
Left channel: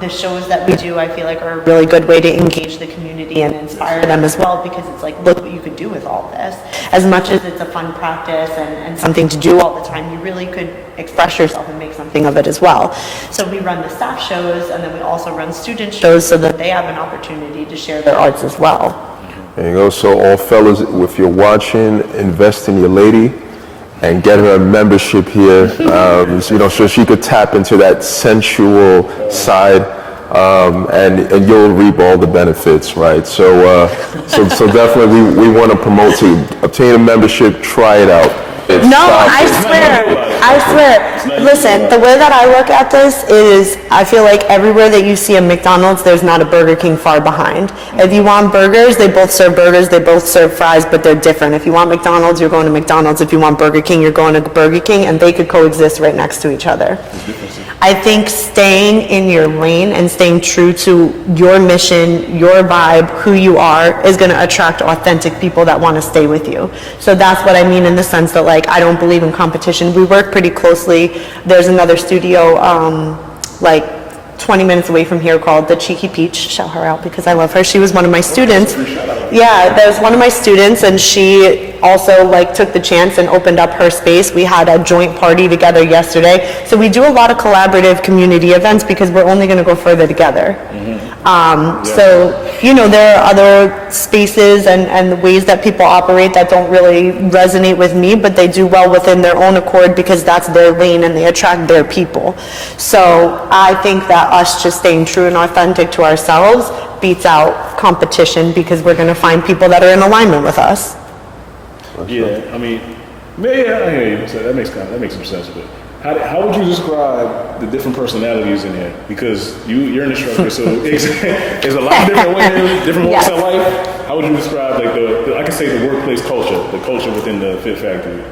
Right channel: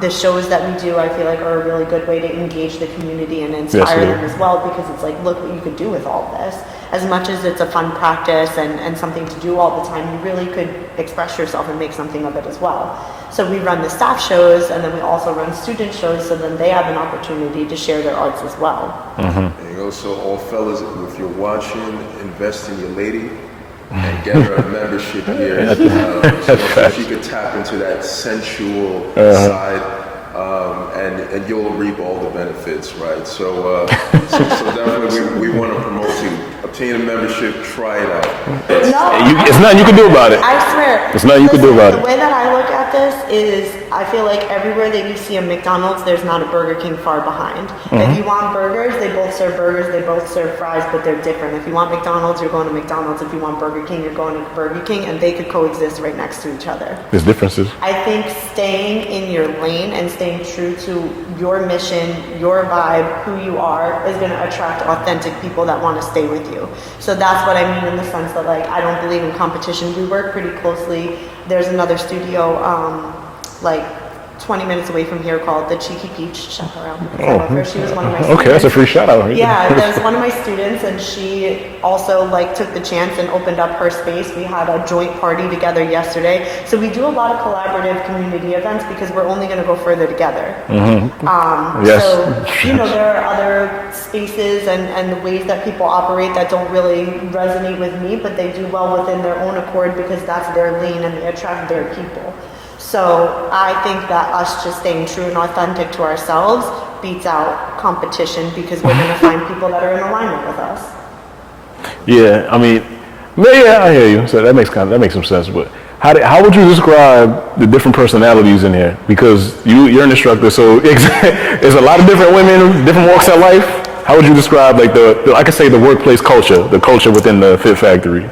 The shows that we do, I feel like, are a really good way to engage the community and inspire them as well, because it's like, look what you could do with all this. As much as it's a fun practice and something to do all the time, you really could express yourself and make something of it as well. So we run the staff shows, and then we also run student shows so that they have an opportunity to share their arts as well. There you go. So all fellas, if you're watching, invest in your lady and get her a membership here, so she could tap into that sensual side, and you'll reap all the benefits, right? So definitely we want to promote to obtain a membership, try it out. There's nothing you can do about it. I swear. There's nothing you can do Listen, about the it. way that I look at this is, I feel like everywhere that you see a McDonald's, there's not a Burger King far behind. If you want burgers, they both serve burgers, they both serve fries, but they're different. If you want McDonald's, you're going to McDonald's. If you want Burger King, you're going to Burger King, and they could coexist right next to each other. There's differences. I think staying in your lane and staying true to your mission, your vibe, who you are, is going to attract authentic people that want to stay with you. So that's what I mean in the sense that, like, I don't believe in competition. We work pretty closely. There's another studio, 20 minutes away from here called the Cheeky Peach. Shout her out because I love her. She was one of my students. Okay, that's a free shout out. Yeah, that was one of my students, and she also took the chance and opened up her space. We had a joint party together yesterday. So we do a lot of collaborative community events because we're only going to go further together. So, there are other spaces and ways that people operate that don't really resonate with me, but they do well within their own accord because that's their lane and they attract their people. So I think that us just staying true and authentic to ourselves beats out competition because we're going to find people that are in alignment with us. Yeah, I hear you. So that makes some sense. But how would you describe the different personalities in here? Because you're an instructor, so there's a lot of different women, different walks of life. How would you describe the workplace culture, the culture within the Fit Factory?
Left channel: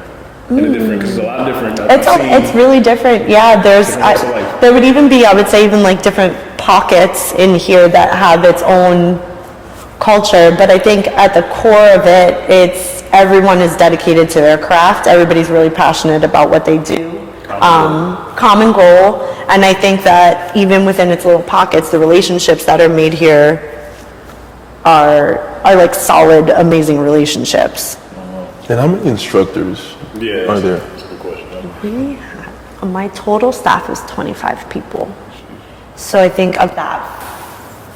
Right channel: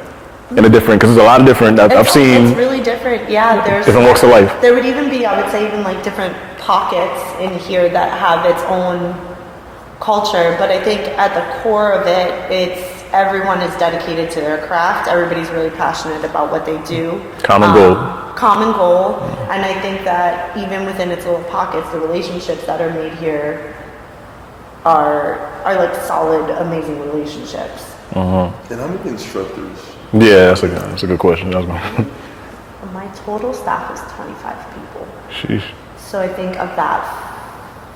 In a different, because there's a lot of different, I've seen. It's really different, yeah. There's different walks of life. There would even be, I would say, different pockets in here that have its own culture. But I think at the core of it, it's everyone is dedicated to their craft. Everybody's really passionate about what they do. Common goal. And I think that even within its little pockets, the relationships that are made here are solid, amazing relationships. And how many instructors? Yeah, that's a good question. My total staff is 25 people. Sheesh. So I think of that,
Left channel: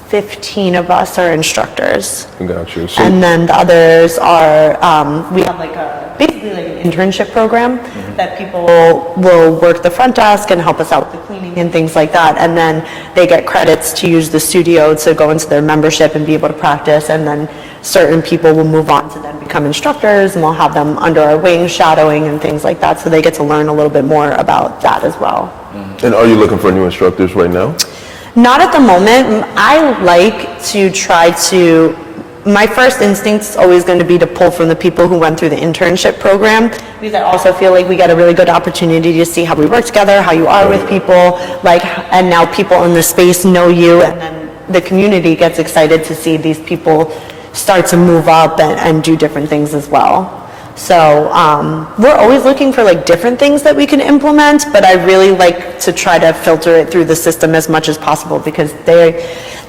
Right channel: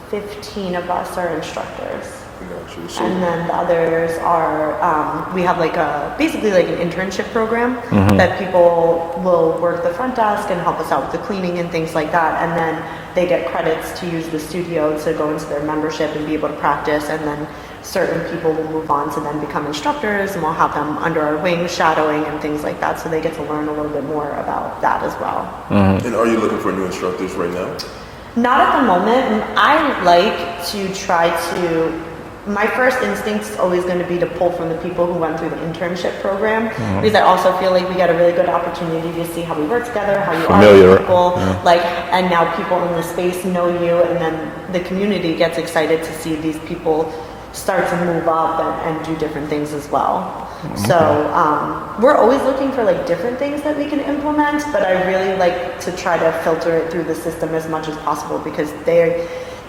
15 of us are instructors. Got you. So, And then the others are, we have basically an internship program that people will work the front desk and help us out with the cleaning and things like that. And then they get credits to use the studio to go into their membership and be able to practice. And then certain people will move on to then become instructors, and we'll have them under our wing shadowing and things like that. So they get to learn a little bit more about that as well. And are you looking for new instructors right now? Not at the moment. I like to try to my first instinct is always going to be to pull from the people who went through the internship program, because I also feel like we get a really good opportunity to see how we work together, how you are with people, like, and now people in the space know you, and then the community gets excited to see these people start to move up and do different things as well. So we're always looking for like different things that we can implement, but I really like to try to filter it through the system as much as possible, because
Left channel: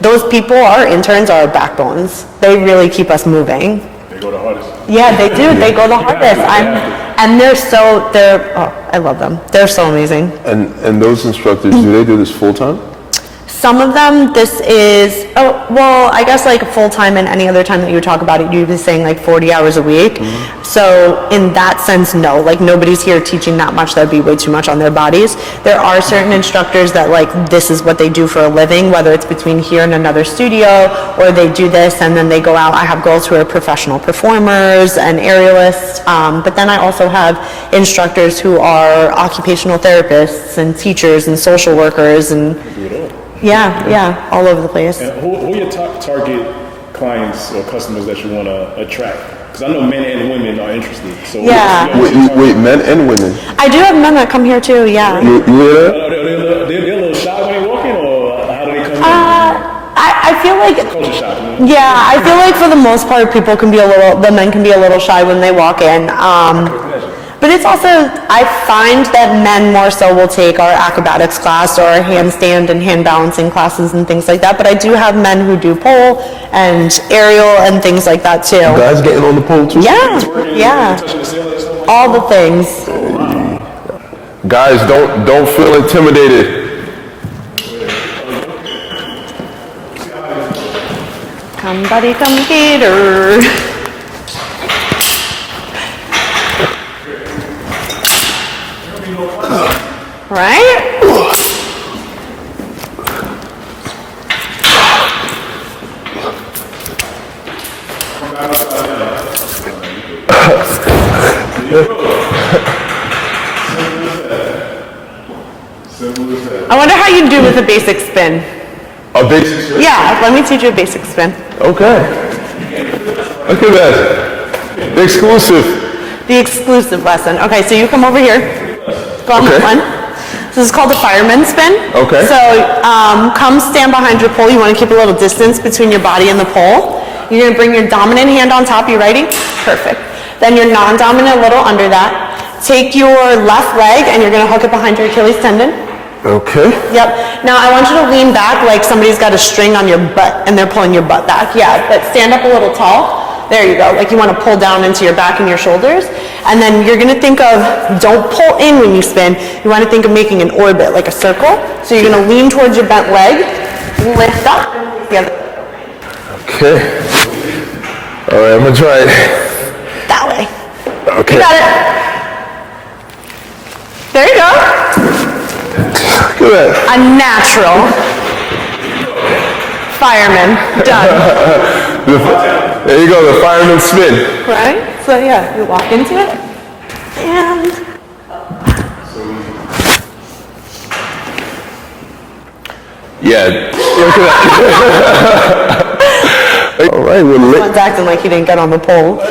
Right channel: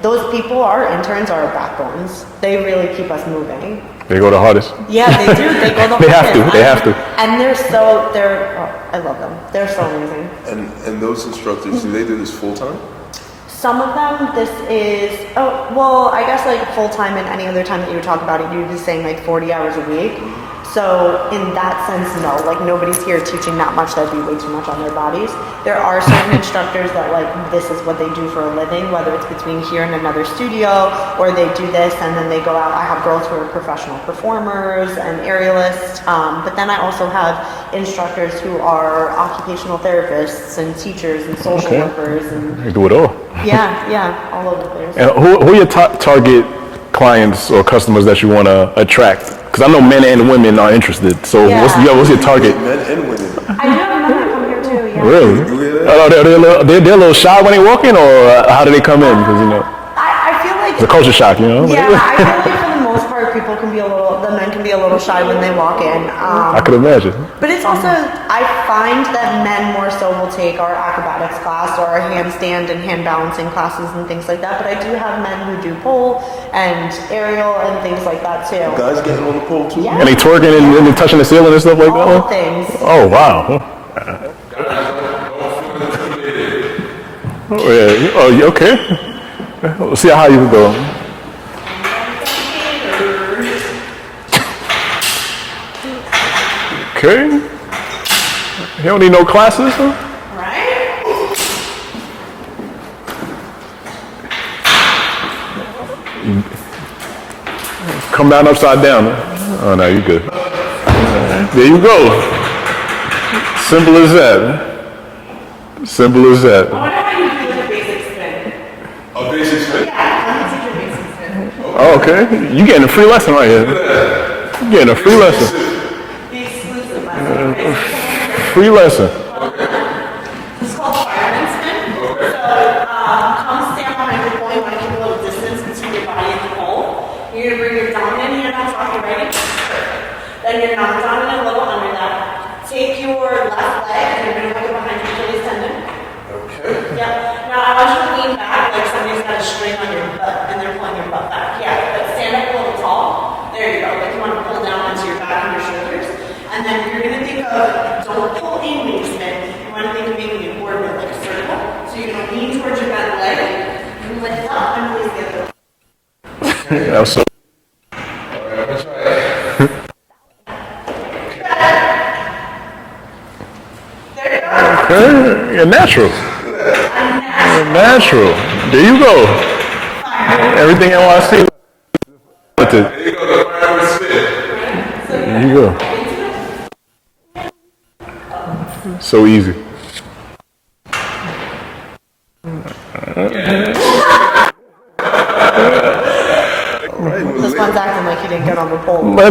those people, our interns, are our backbones. They really keep us moving. They go the hardest. Yeah, they do. They go the hardest. They have to. And I love them. They're so amazing. And those instructors, do they do this full time? Some of them, this is, I guess like full-time and any other time that you would talk about it, you'd be saying like 40 hours a week. So in that sense, no, like nobody's here teaching that much. That'd be way too much on their bodies. There are certain instructors that like, this is what they do for a living, whether it's between here and another studio, or they do this and then they go out. I have girls who are professional performers and aerialists, but then I also have instructors who are occupational therapists and teachers and social workers and... They do it all. Yeah, all over the place. And who are your target clients or customers that you want to attract? Because I know men and women are interested. So what's your target? Men and women. I do have men that come here too, yeah. Really? They're a little shy when they walk in, or how do they come in? Because, I feel like... It's a culture shock, you know? Yeah, I feel like for the most part, the men can be a little shy when they walk in. I can imagine. But it's also, I find that men more so will take our acrobatics class or our handstand and hand balancing classes and things like that. But I do have men who do pole and aerial and things like that too. Guys getting on the pole too? Yeah. And they twerking and touching the ceiling and stuff like that? All the things. Oh, wow. Guys, don't feel intimidated. Oh, okay. We'll see how you go. Somebody come get her. Okay. You don't need no classes? Right? Come down upside down. Huh? Oh, no, you're good. There you go. Simple as that. Simple as that. I wonder how you do with a basic spin. A basic spin? Yeah, let me teach you a basic spin. Okay. You getting a free lesson right here. Look at that. You getting a free Exclusive. lesson. The exclusive lesson. Okay, so you come over here. Free lesson. Go on this one. This is called the fireman spin. Okay. So come stand behind your pole. You want to keep a little distance between your body and the pole. You're going to bring your dominant hand on top. You ready? Perfect. Then your non-dominant a little under that. Take your left leg and you're going to hook it behind your Achilles tendon. Okay. Yep. Now I want you to lean back like somebody's got a string on your butt and they're pulling your butt back. Yeah, but stand up a little tall. There you go. Like you want to pull down into your back and your shoulders. And then you're going to think of, don't pull in when you spin. You want to think of making an orbit, like a circle. So you're going to lean towards your bent leg, lift up, and release the other. Okay. All right, I'm going to try it. That way. Okay. You got it. There you go. A natural. Look at that. A natural Natural. There you go. fireman. Everything Done. There you go, the fireman spin. Right? So yeah, walk into it. And So easy. Yeah. All right, well, someone's acting like he didn't get on the pole. No.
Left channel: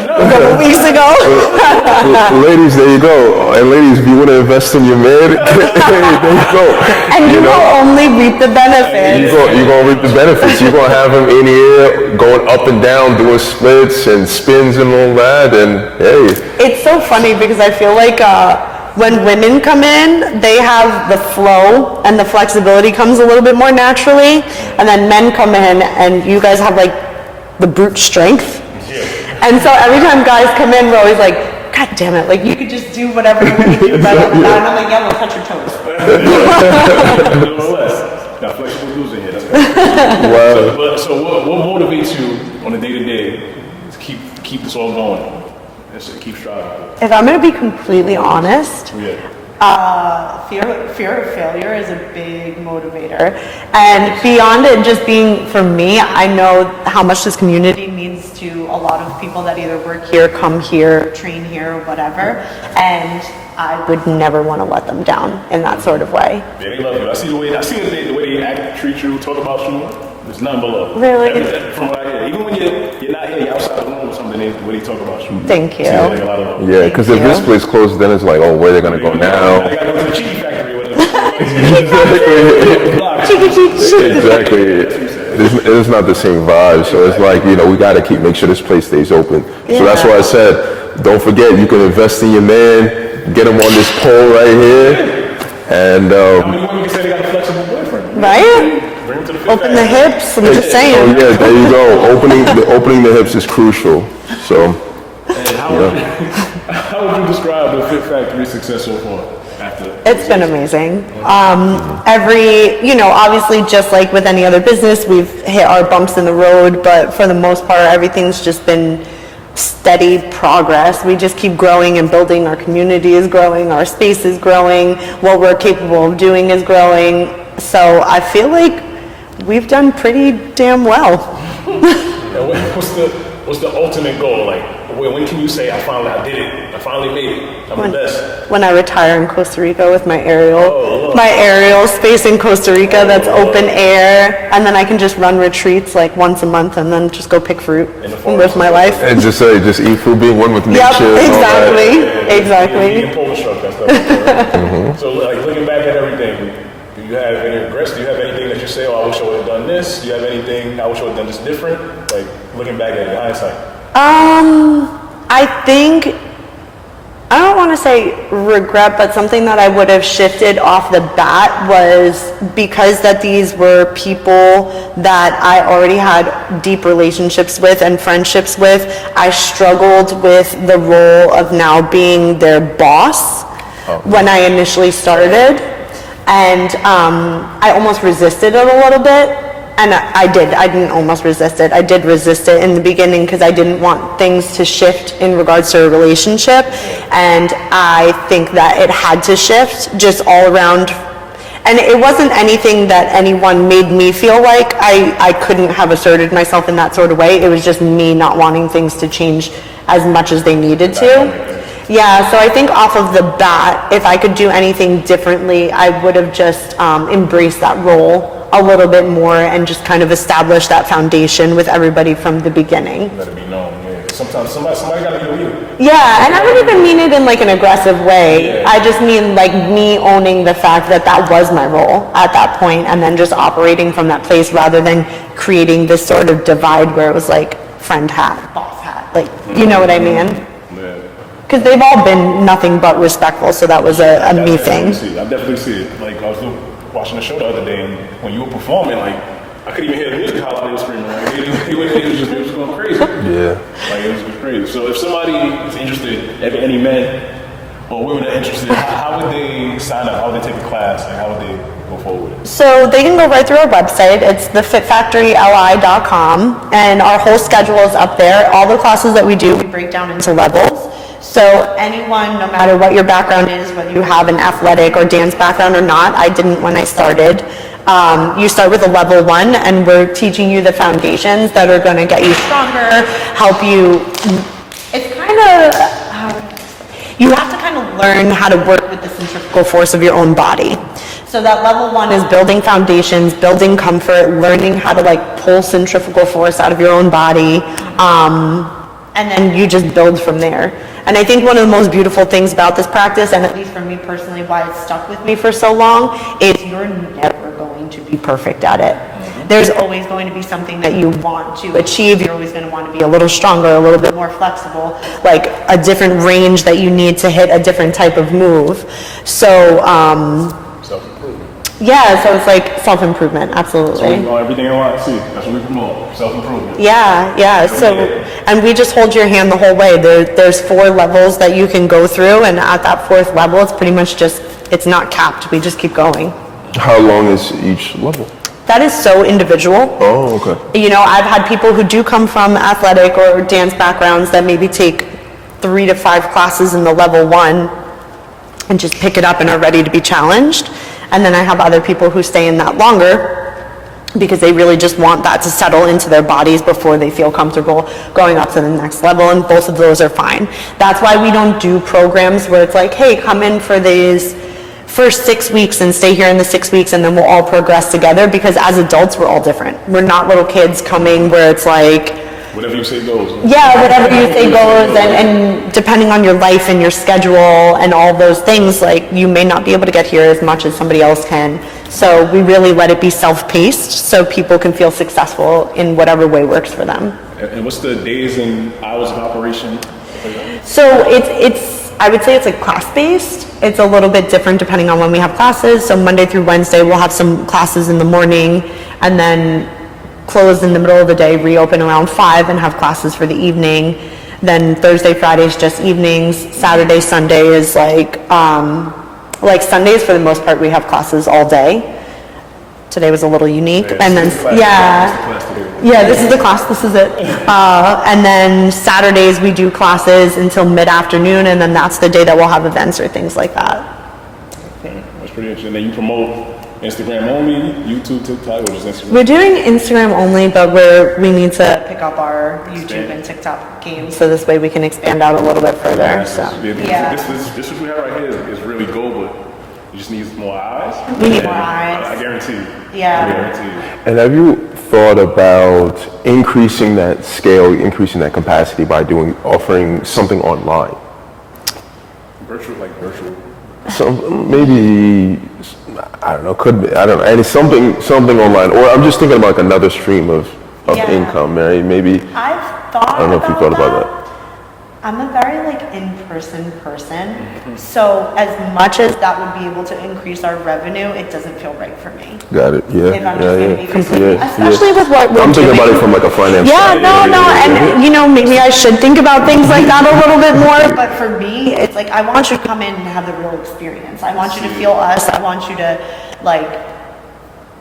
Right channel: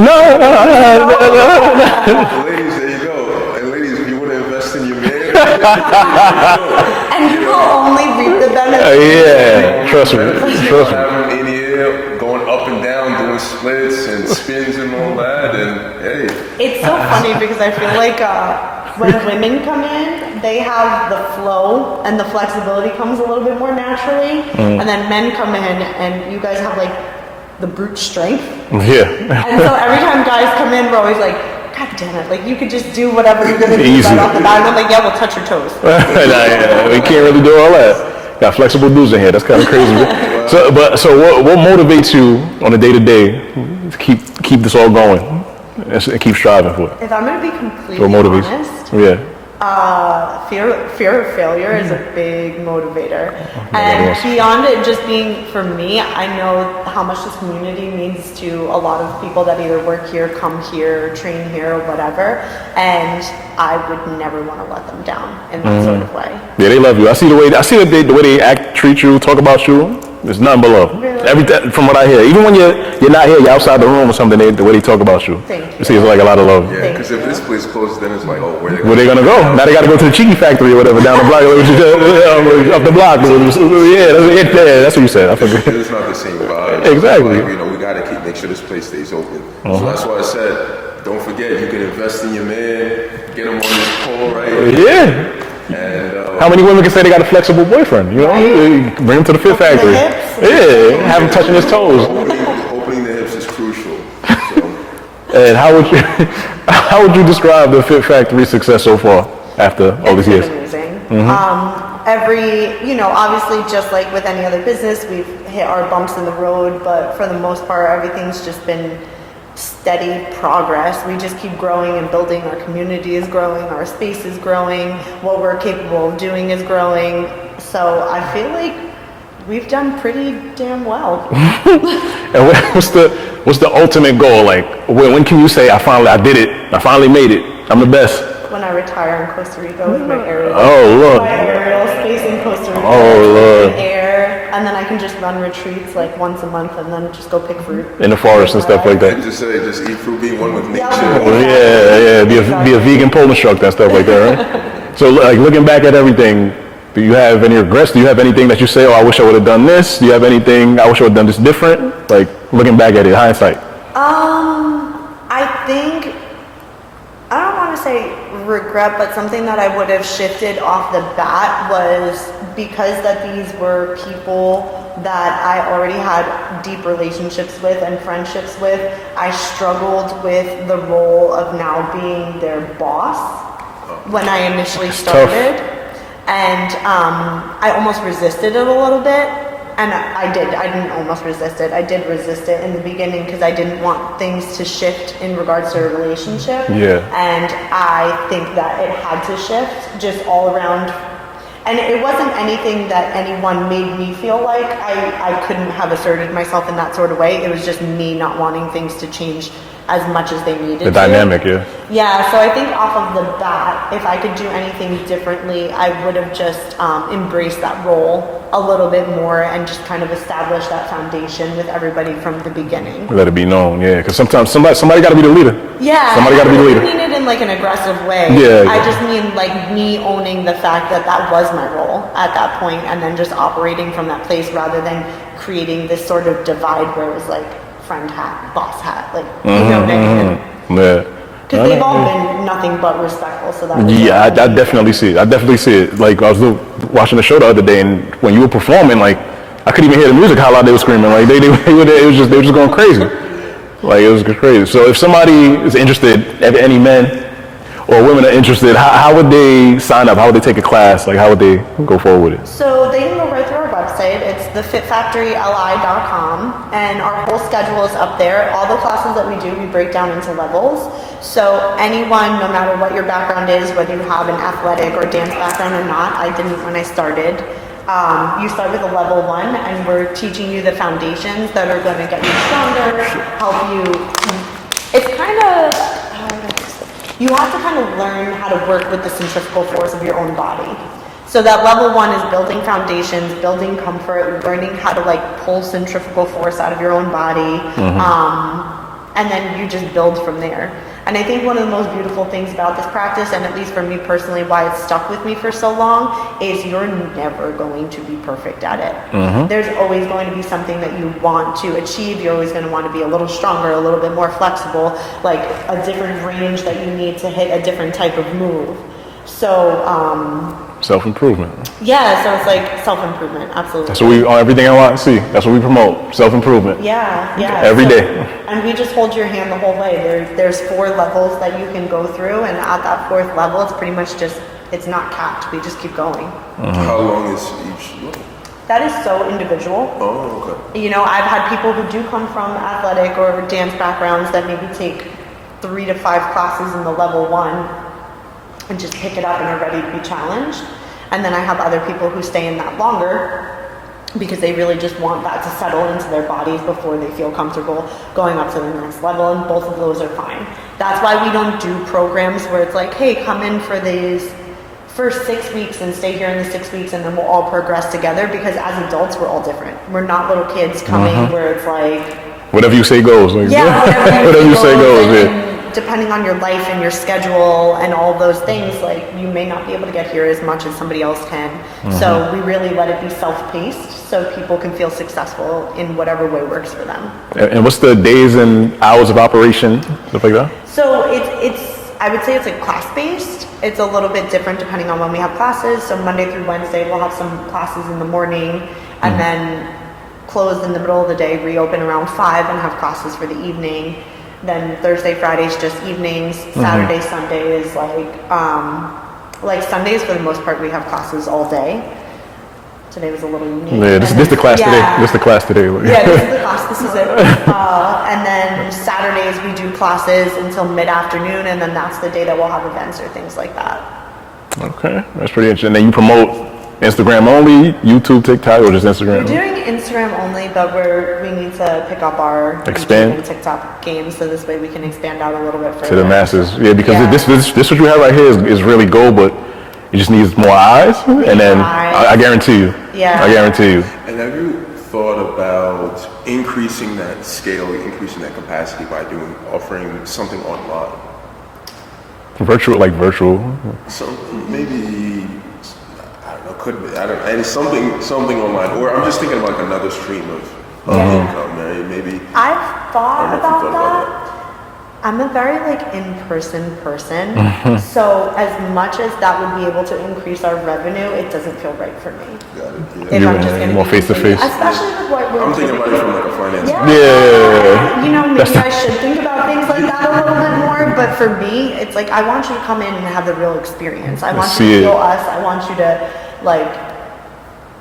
ladies, there you go. And ladies, if you want to invest in your man, there you go. And you will only reap the benefits. Yeah, you're going to reap the benefits. You're going to have him in here going up and down, doing splits and spins and all that. And hey. It's so funny because I feel like when women come in, they have the flow and the flexibility comes a little bit more naturally. And then men come in and you guys have like the brute strength. Yeah. And so every time guys come in, we're always like, God damn it, like you could just do whatever you want to do. Right off the bat. I'm like, yeah, we'll touch your toes. You can't really do all that. Got flexible dudes in here. That's kind of crazy. Wow. So what motivates you on a day-to-day to keep this all going and keep striving for it? If I'm going to be completely honest, Yeah. Fear of failure is a big motivator. And beyond it just being for me, I know how much this community means to a lot of people that either work here, come here, train here, or whatever. And I would never want to let them down in that sort of way. Yeah, they love you. I see the way they act, treat you, talk about you. There's nothing below. Really? From what I hear, even when you're not here, you're outside the room or something, the way they talk about you. Thank you. It seems like a lot of love. Yeah, because if this place closes, then it's like, oh, where they Where they gonna go? Now they gotta go to the Cheeky Factory or whatever down the block. Up the block. Yeah, that's what you said. It's not the same vibe. So it's like, we got to make sure this place stays open. So that's why I said, don't forget, you can invest in your man, get him on this pole right here. Yeah. And how many women can say they got a flexible boyfriend? Right? Bring him to the Fit Open Factory. the hips, I'm just saying. Have him touch his toes. opening the hips is crucial. So, And how would you describe the Fit Factory success so far after all It's these been years? amazing. Obviously, just like with any other business, we've hit our bumps in the road, but for the most part, everything's just been steady progress. We just keep growing and building. Our community is growing, our space is growing, what we're capable of doing is growing. So I feel like we've done pretty damn well. And what's the ultimate goal? Like, when can you say, I did it, I finally made it, I'm the best? When I retire in Costa Rica with my aerial. Oh, Lord. My aerial space in Costa Rica that's open air. And then I can just run retreats like once a month and then just go pick fruit. In the forest and my stuff life. like that. and just eat food, being one with nature. Yep, exactly. Be a vegan pole instructor and stuff like that, right? So, like, looking back at everything, do you have any regrets? Do you have anything that you say, oh, I wish I would have done this? Do you have anything, I wish I would have done this different? Like, looking back at it, hindsight. I think, I don't want to say regret, but something that I would have shifted off the bat was because that these were people that I already had deep relationships with and friendships with. I struggled with the role of now being their boss when I initially started. And I almost resisted it a little bit. And I didn't almost resist it. I did resist it in the beginning because I didn't want things to shift in regards to a relationship. Yeah. And I think that it had to shift just all around. And it wasn't anything that anyone made me feel like I couldn't have asserted myself in that sort of way. It was just me not wanting things to change as much as they needed to. The dynamic, yeah. Yeah, so I think off of the bat, if I could do anything differently, I would have just embraced that role a little bit more and just kind of established that foundation with everybody from the beginning. Let it be known, yeah. Because sometimes somebody got to be the leader. Yeah, Somebody and I gotta be don't the even leader. mean it in like an aggressive way. Yeah. I just mean like me owning the fact that that was my role at that point and then just operating from that place rather than creating this sort of divide where it was like friend hat, boss hat. Like, you know what I mean? Yeah. Because they've all been nothing but respectful, so that was Yeah, I a me definitely thing. see it. I definitely see it. Like, I was watching the show the other day, and when you were performing, like, I couldn't even hear the music, how loud they were screaming. Like, they were just going crazy. Yeah. Like, it was crazy. So if somebody is interested, any men or women are interested, how would they sign up? How would they take a class? Like, how would they go forward with it? So they can go right through our website. It's thefitfactoryli.com, and our whole schedule is up there. All the classes that we do, we break down into levels. So anyone, no matter what your background is, whether you have an athletic or dance background or not, I didn't when I started. You start with a level 1, and we're teaching you the foundations that are going to get you stronger, help you. It's kind of, you have to kind of learn how to work with the centrifugal force of your own body. So that level 1 is building foundations, building comfort, learning how to like pull centrifugal force out of your own body. And then you just build from there. And I think one of the most beautiful things about this practice, and at least for me personally, why it's stuck with me for so long, is you're never going to be perfect at it. There's always going to be something that you want to achieve. You're always going to want to be a little stronger, a little bit more flexible, like a different range that you need to hit a different type of move. So, Self-improvement. yeah, so it's like self-improvement, absolutely. So we on everything NYC. That's what we promote. Self-improvement. Yeah. Every day. And we just hold your hand the whole way. There's 4 levels that you can go through, and at that 4th level, it's pretty much just, it's not capped. We just keep going. How long is each level? That is so individual. Oh, okay. You know, I've had people who do come from athletic or dance backgrounds that maybe take 3 to 5 classes in the level 1 and just pick it up and are ready to be challenged. And then I have other people who stay in that longer because they really just want that to settle into their bodies before they feel comfortable going up to the next level, and both of those are fine. That's why we don't do programs where it's like, hey, come in for these for 6 weeks and stay here in the 6 weeks, and then we'll all progress together, because as adults, we're all different. We're not little kids coming where it's like, whatever you say goes. Like, yeah, whatever you say goes, yeah. and depending on your life and your schedule and all those things, like, you may not be able to get here as much as somebody else can. So we really let it be self-paced so people can feel successful in whatever way works for them. And what's the days and hours of operation, stuff like that? So it's I would say it's like class-based. It's a little bit different depending on when we have classes. So Monday through Wednesday, we'll have some classes in the morning, and then close in the middle of the day, reopen around 5 and have classes for the evening. Then Thursday, Friday's just evenings. Saturday, Sunday is like Sundays for the most part we have classes all day. Today was a little unique. Yeah, this is the class today. This is the class today. Yeah, this is the class, this is it. And then Saturdays we do classes until mid-afternoon, and then that's the day that we'll have events or things like that. Okay, that's pretty interesting. Then you promote Instagram only, YouTube, TikTok, or just Instagram? We're doing Instagram only, but we need to pick up our Expand. YouTube and TikTok game, so this way we can expand out a little bit further. To the masses. So, Yeah, because this what you have right here is really gold, but you just need more eyes, and then I guarantee you. Yeah. I guarantee you. And have you thought about increasing that scale, increasing that capacity by offering something online? Virtual. So maybe, I don't know, and it's something online, or I'm just thinking about like another stream of income, right? Maybe. I've thought I don't know if you thought about that. I'm a very in-person person, so as much as that would be able to increase our revenue, it doesn't feel right for me. Got it. Yeah. If I'm just gonna more be face-to-face. Especially with what we're I'm thinking doing. about it from like a financial. And maybe I should think about things like that a little bit more, but for me, it's like, I want you to come in and have the real experience. I want you to feel us. I want you to,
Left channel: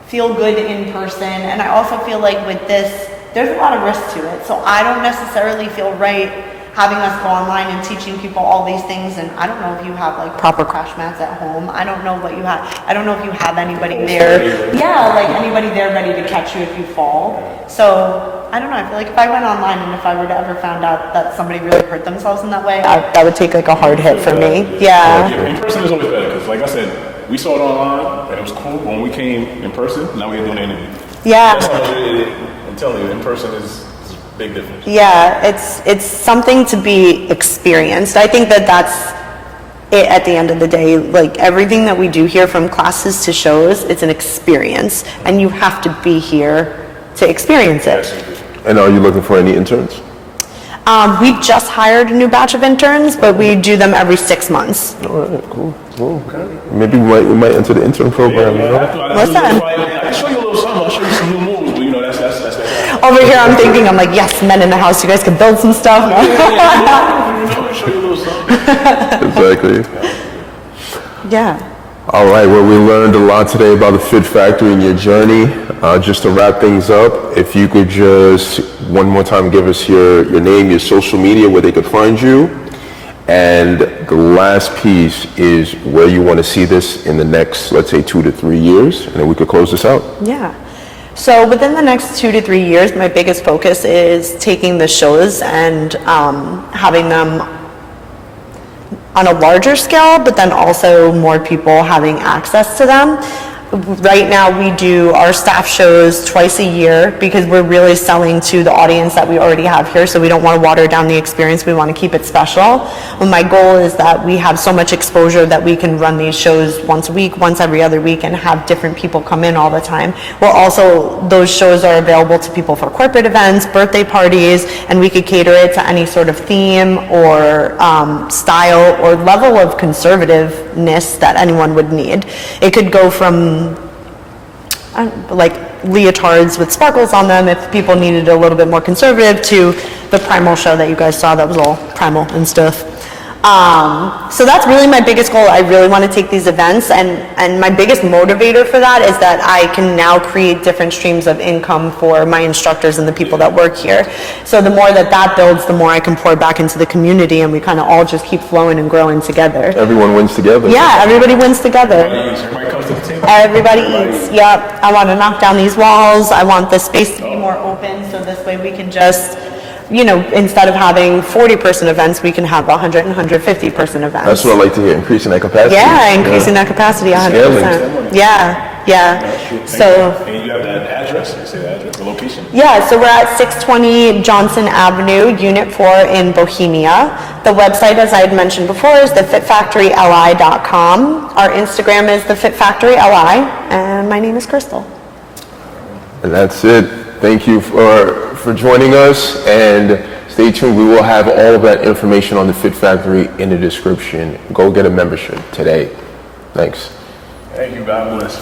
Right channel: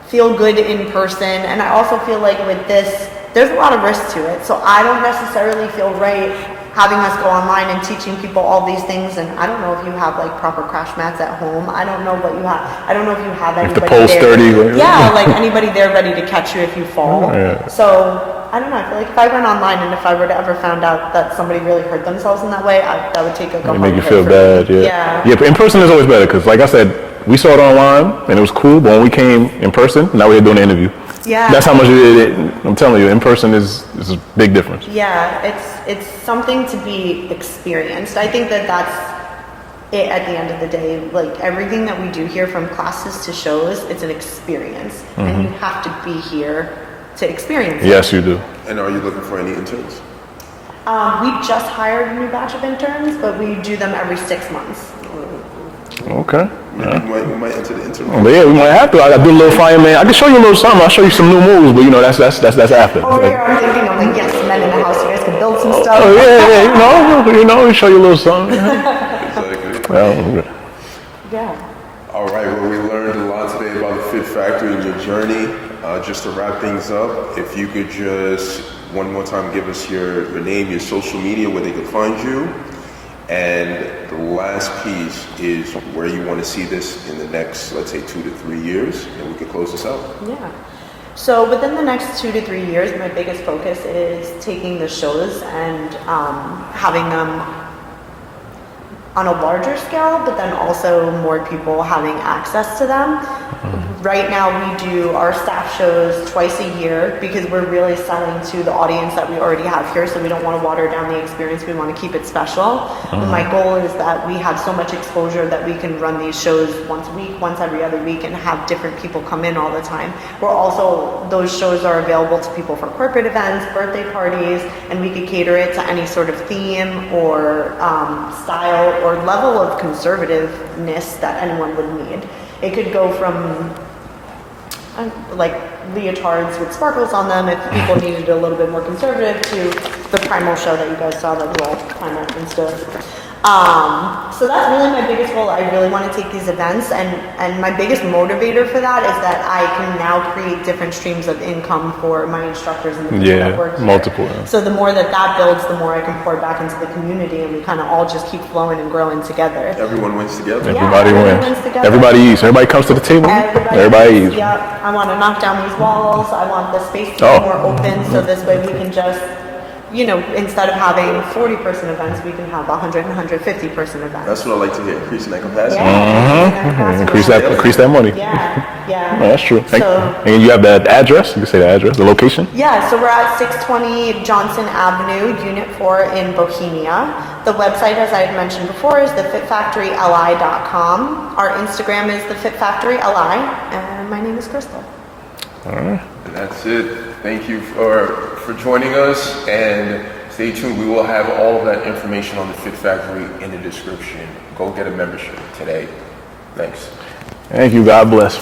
feel good in person. And I also feel like with this, there's a lot of risk to it. So I don't necessarily feel right having us go online and teaching people all these things, and I don't know if you have proper crash mats at home. I don't know what you have. I don't know if you have anybody there. Sturdy, right? Yeah, anybody there ready to catch you if you fall. Yeah. So I don't know. I feel like if I went online and if I were to ever found out that somebody really hurt themselves in that way, that would take a hard hit for me. Yeah, but in person is always better, because like I said, we saw it online and it was cool, but when we came in person, now we're doing the interview. Yeah. That's how much I'm telling you, in person is a big difference. Yeah, it's something to be experienced. I think that's it at the end of the day. Everything that we do here, from classes to shows, it's an experience, and you have to be here to experience it. Yes, you do. And are you looking for any interns? We just hired a new batch of interns, but we do them every 6 months. All right, cool. Okay. Maybe we might enter the intern program. Yeah, we might have to. I got to do a little fireman. I can show you a little something. I'll show you some new moves, but that's after. Over here, I'm thinking, yes, men in the house, you guys can build some stuff. We show you a little something. Exactly. Yeah. All right, well, we learned a lot today about the Fit Factory and your journey. Just to wrap things up, if you could just one more time give us your name, your social media, where they could find you. And the last piece is where you want to see this in the next, let's say, 2 to 3 years, and then we could close this out. Yeah. So within the next 2 to 3 years, my biggest focus is taking the shows and having them on a larger scale, but then also more people having access to them. Right now we do our staff shows twice a year because we're really selling to the audience that we already have here, so we don't want to water down the experience. We want to keep it special. But my goal is that we have so much exposure that we can run these shows once a week, once every other week, and have different people come in all the time. Well, also those shows are available to people for corporate events, birthday parties, and we could cater it to any sort of theme or style or level of conservativeness that anyone would need. It could go from leotards with sparkles on them if people needed a little bit more conservative, to the primal show that you guys saw that was all primal and stuff. So that's really my biggest goal. I really want to take these events, and my biggest motivator for that is that I can now create different streams of income for my instructors and the people that work here. So the more that builds, the more I can pour back into the community, and we kind of all just keep flowing and growing together. Everyone wins together. Yeah, everybody wins together. Everybody eats. Everybody comes to the table. Everybody eats. Yep. I want to knock down these walls. I want the space to be more open, so this way we can just instead of having 40-person events, we can have 100 and 150-person events. That's what I like to hear, increasing that capacity. Yeah, increasing that capacity. Increase that money. Yeah. That's true. And you have that address? You can say the address, the location? Yeah, so we're at 620 Johnson Avenue, Unit 4 in Bohemia. The website, as I had mentioned before, is thefitfactoryli.com. Our Instagram is thefitfactoryli, and my name is Krystle. All right. And that's it. Thank you for joining us, and stay tuned. We will have all of that information on the Fit Factory in the description. Go get a membership today. Thanks. Thank you. God bless.